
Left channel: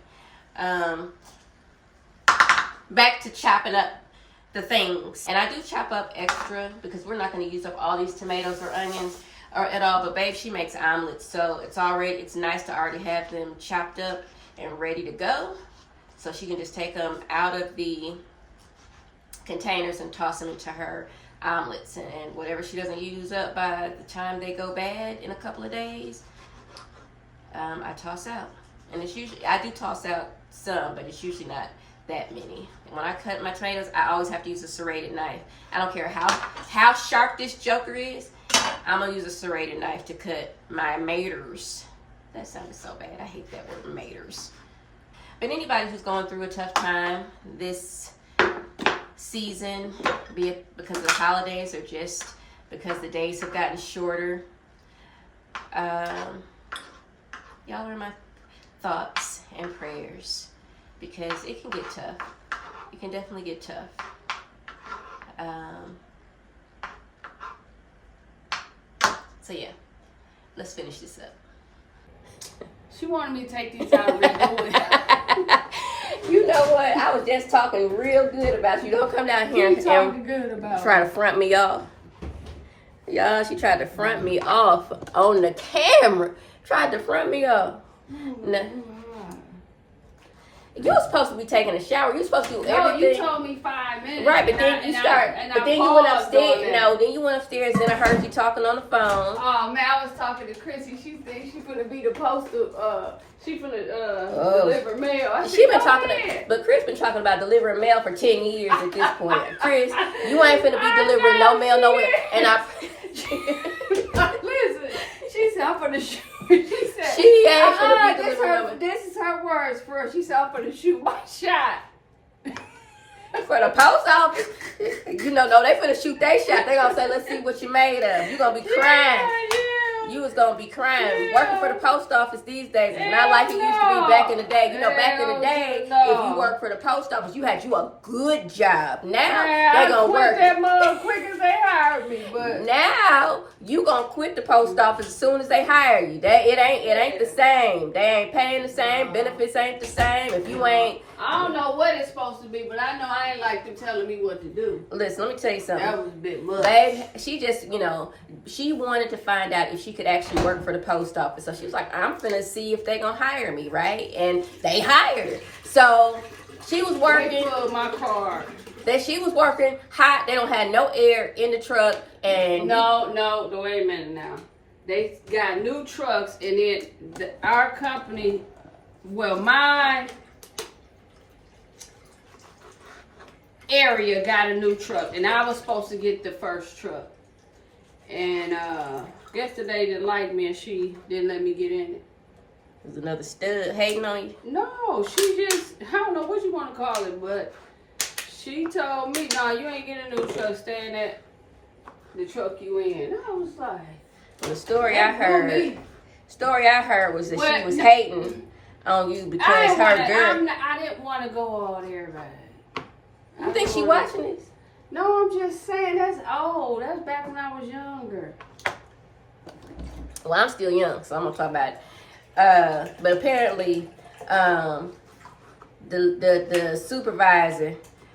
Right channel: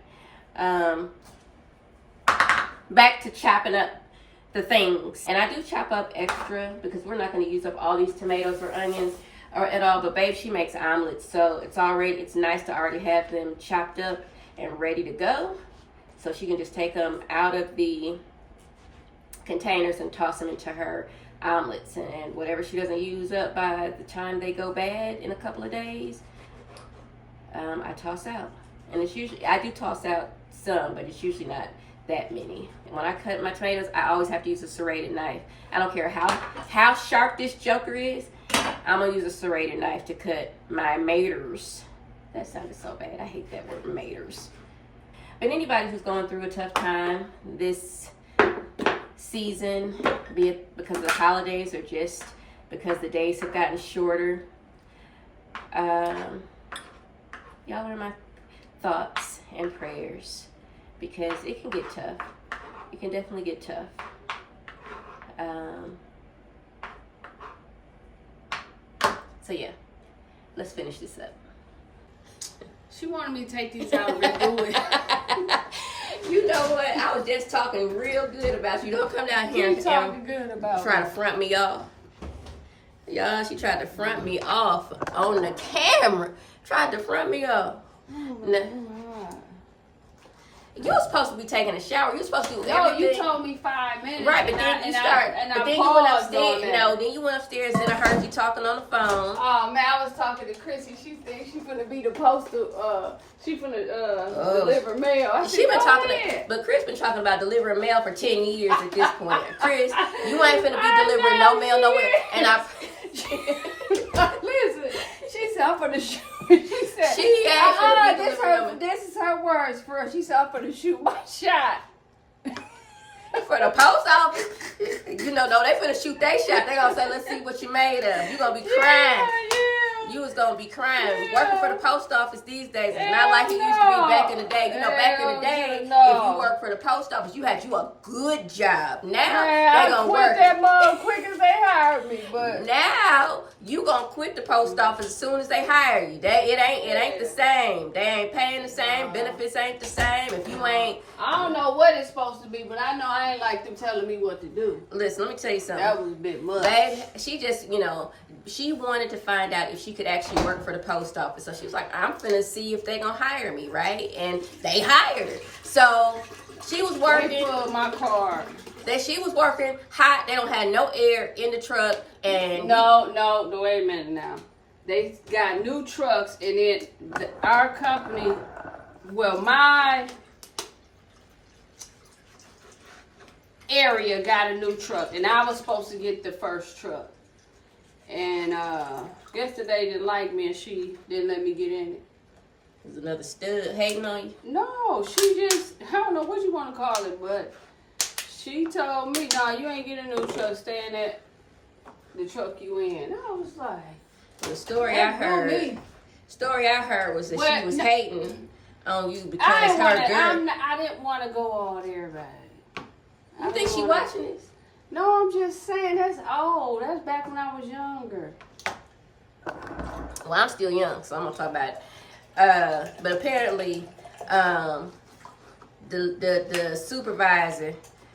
back to chopping up the things. And I do chop up extra because we're not going to use up all these tomatoes or onions or at all, but babe, she makes omelets, so it's nice to already have them chopped up and ready to go, so she can just take them out of the containers and toss them into her omelets. And whatever she doesn't use up by the time they go bad in a couple of days, I toss out. And it's usually, I do toss out some, but it's usually not that many. And when I cut my tomatoes, I always have to use a serrated knife. I don't care how sharp this joker is. I'm gonna use a serrated knife to cut my maters. That sounded so bad. I hate that word, maters. But anybody who's going through a tough time this season, be it because of the holidays or just because the days have gotten shorter, y'all are my thoughts and prayers, because it can get tough. It can definitely get tough. So yeah, let's finish this up. She wanted me to take these out real good. You know what? I was just talking real good about you. Don't come down here Keep talking good about try to front me off. Y'all, she tried to front me off on the camera. Tried to front me off. No. You were supposed to be taking a shower. You were supposed to do everything. No, you told me 5 minutes. Right, but then you went upstairs. No, then you went upstairs. Then I heard you talking on the phone. Oh man, I was talking to Chrissy. She said she finna be the postal. She finna deliver mail. She been talking, but Chris been talking about delivering mail for 10 years at this point. Chris, you ain't finna be delivering no mail nowhere. And listen, she said I'm finna shoot. She said she ain't finna be delivering no mail. This is her words for her. She said I'm finna shoot my shot. For the post office, you know, no, they finna shoot their shot. They gonna say, let's see what you made of. You gonna be crying. You was gonna be crying. Working for the post office these days is not like it used to be back in the day. You know, back in the day, if you work for the post office, you had a good job. Now they gonna work. That mom quick as they hired me, but now you gonna quit the post office as soon as they hire you. It ain't the same. They ain't paying the same. Benefits ain't the same. If you ain't, I don't know what it's supposed to be, but I know I ain't like them telling me what to do. Listen, let me tell you something. That was a bit much. Babe, she just, she wanted to find out if she could actually work for the post office. So she was like, I'm finna see if they gonna hire me, right? And they hired her. So she was working. My car. She was working hot. They don't have no air in the truck. And No, wait a minute now. They got new trucks, and then our company, my area got a new truck, and I was supposed to get the first truck. And yesterday didn't like me, and she didn't let me get in it. There's another stud hating on you. No, she just, I don't know what you want to call it, but she told me, no, you ain't getting a new truck, stay in that the truck you in. I was like, the story I heard was that she was hating on you because I didn't want to go all there, babe. You think she watching this? No, I'm just saying that's old. That's back when I was younger. Well, I'm still young, so I'm gonna talk about it. But apparently, the supervisor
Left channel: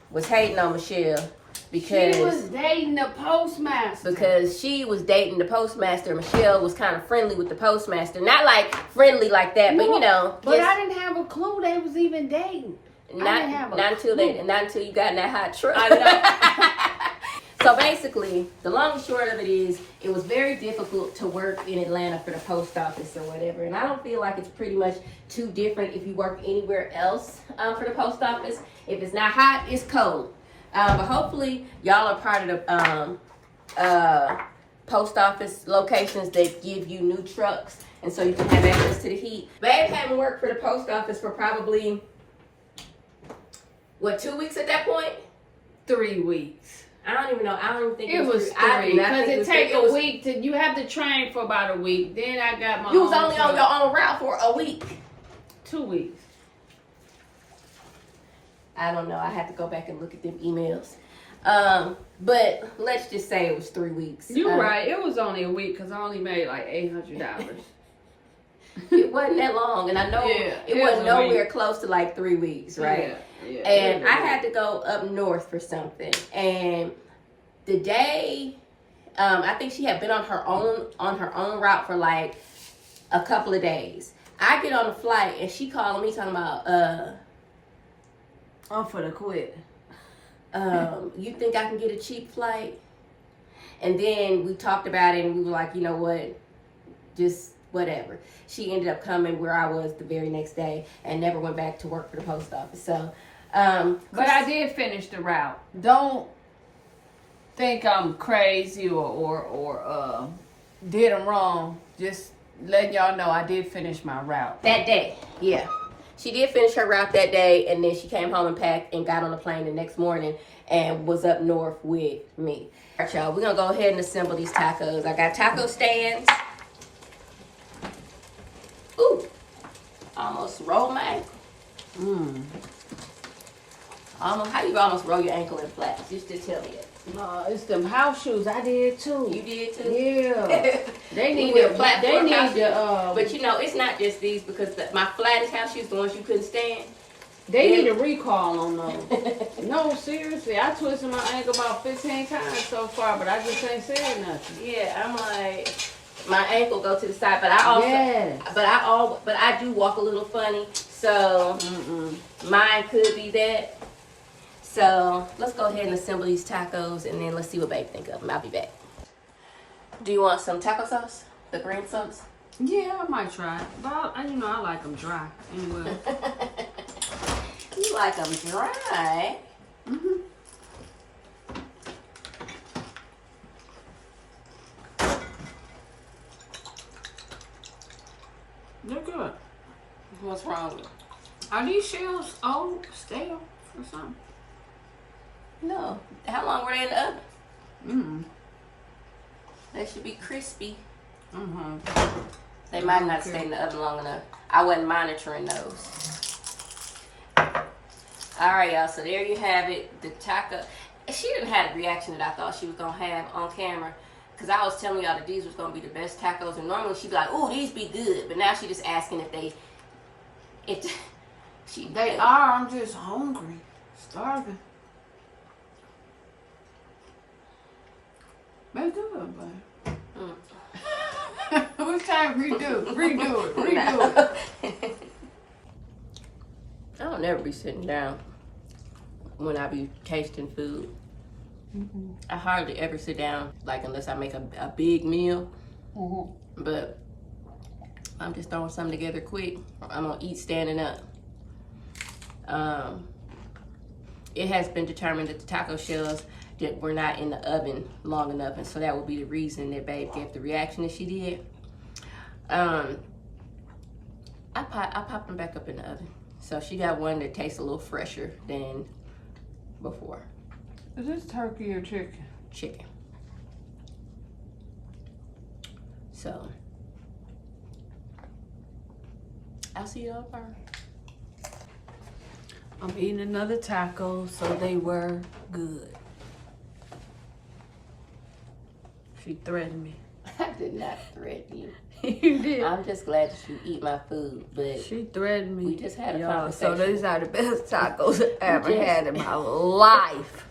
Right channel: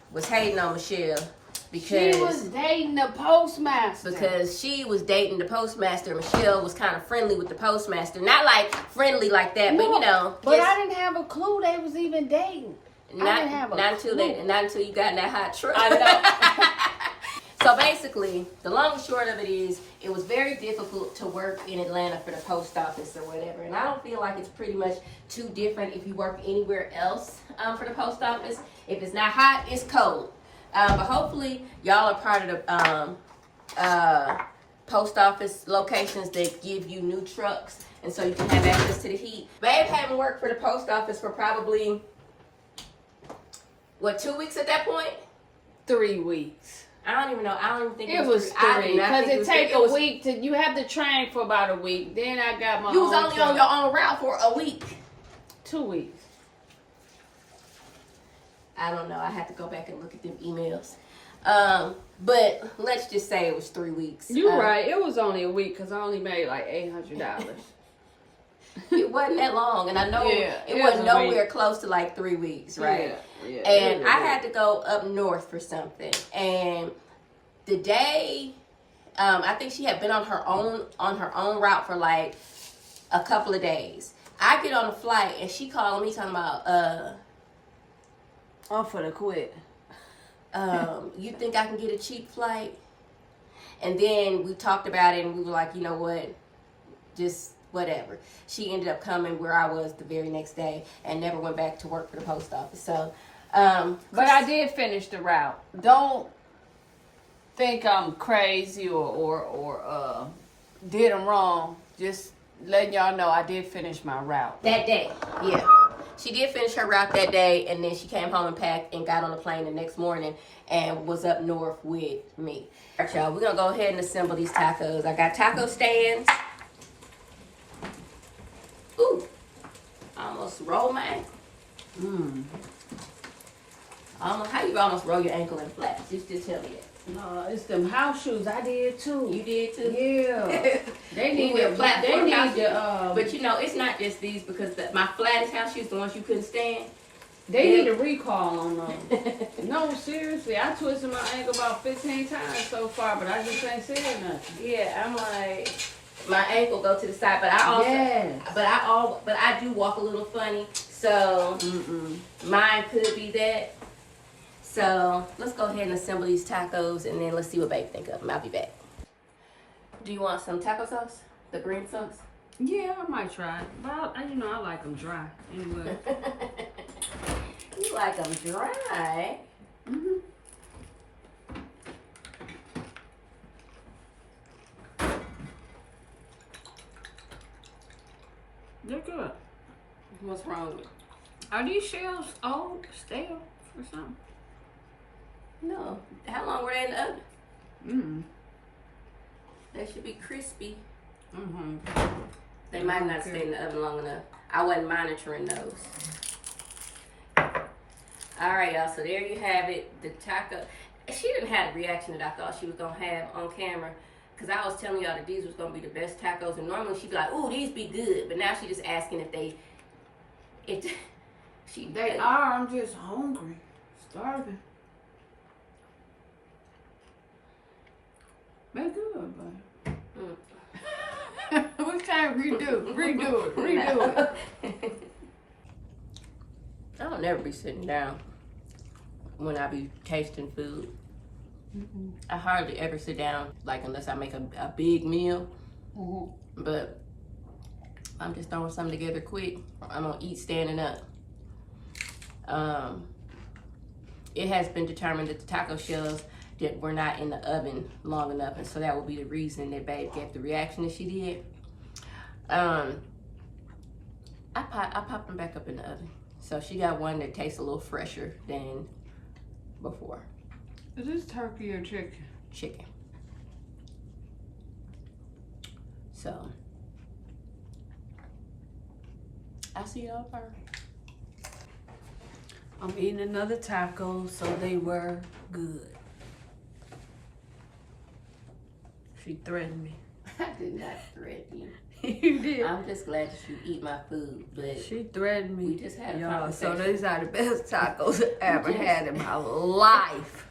was hating on Michelle because she was dating the postmaster. Because she was dating the postmaster. Michelle was kind of friendly with the postmaster, not like friendly like that, but But I didn't have a clue they was even dating. Not until you got in that hot truck. So basically, the long and short of it is, it was very difficult to work in Atlanta for the post office or whatever. And I don't feel like it's pretty much too different if you work anywhere else for the post office. If it's not hot, it's cold. But hopefully, y'all are part of the post office locations that give you new trucks, and so you can have access to the heat. Babe haven't worked for the post office for probably 2 weeks at that point? 3 weeks. I don't even know. I don't even think it was 3. Because it takes a week to. You have to train for about a week. Then I got my. You was only on your own route for a week. 2 weeks. I don't know. I have to go back and look at them emails. But let's just say it was 3 weeks. You're right. It was only a week because I only made like $800. It wasn't that long, and I know it wasn't nowhere close to like 3 weeks, right? Yeah, and I had to go up north for something, and the day, I think she had been on her own route for like a couple of days. I get on the flight, and she calling me talking about, I'm finna quit. You think I can get a cheap flight? And then we talked about it, and we were like, you know what, just whatever. She ended up coming where I was the very next day and never went back to work for the post office. So, but I did finish the route. Don't think I'm crazy or did them wrong. Just letting y'all know I did finish my route. That day, yeah. She did finish her route that day, and then she came home and packed and got on the plane the next morning and was up north with me. All right, y'all, we're going to go ahead and assemble these tacos. I got taco stands. Ooh, almost rolled my ankle. I don't know how you almost roll your ankle in flats. Just to tell me it. No, it's them house shoes. I did too. You did too? Yeah. They need a platform. They need the. But you know, it's not just these, because my flattest house shoes, the ones you couldn't stand, They need a recall on those. No, seriously, I twisted my ankle about 15 times so far, but I just ain't said nothing. Yeah, I'm like, my ankle go to the side, but I also, Yes. but I do walk a little funny, so mine could be that. So let's go ahead and assemble these tacos, and then let's see what babe think of them. I'll be back. Do you want some taco sauce? The green sauce? Yeah, I might try it, but I like them dry anyway. You like them dry? They're good. What's wrong with them? Are these shells old, stale, or something? No. How long were they in the oven? They should be crispy. They might not stay in the oven long enough. I wasn't monitoring those. All right, y'all. So there you have it. The taco. She didn't have the reaction that I thought she was gonna have on camera, because I was telling y'all that these was gonna be the best tacos, and normally she'd be like, "Oh, these be good," but now she just asking if they. They are. I'm just hungry, starving. They good, babe. Which time redo it. I don't never be sitting down when I be tasting food. I hardly ever sit down, like unless I make a big meal. But I'm just throwing something together quick. I'm gonna eat standing up. It has been determined that the taco shells that were not in the oven long enough, and so that would be the reason that babe gave the reaction that she did. I popped them back up in the oven. So she got one that tastes a little fresher than before. Is this turkey or chicken? Chicken. So I'll see y'all tomorrow. I'm eating another taco, so they were good. She threatened me. I did not threaten you. You did. I'm just glad that you eat my food, but She threatened me. we just had a Y'all, conversation. so these are the best tacos I ever had in my life.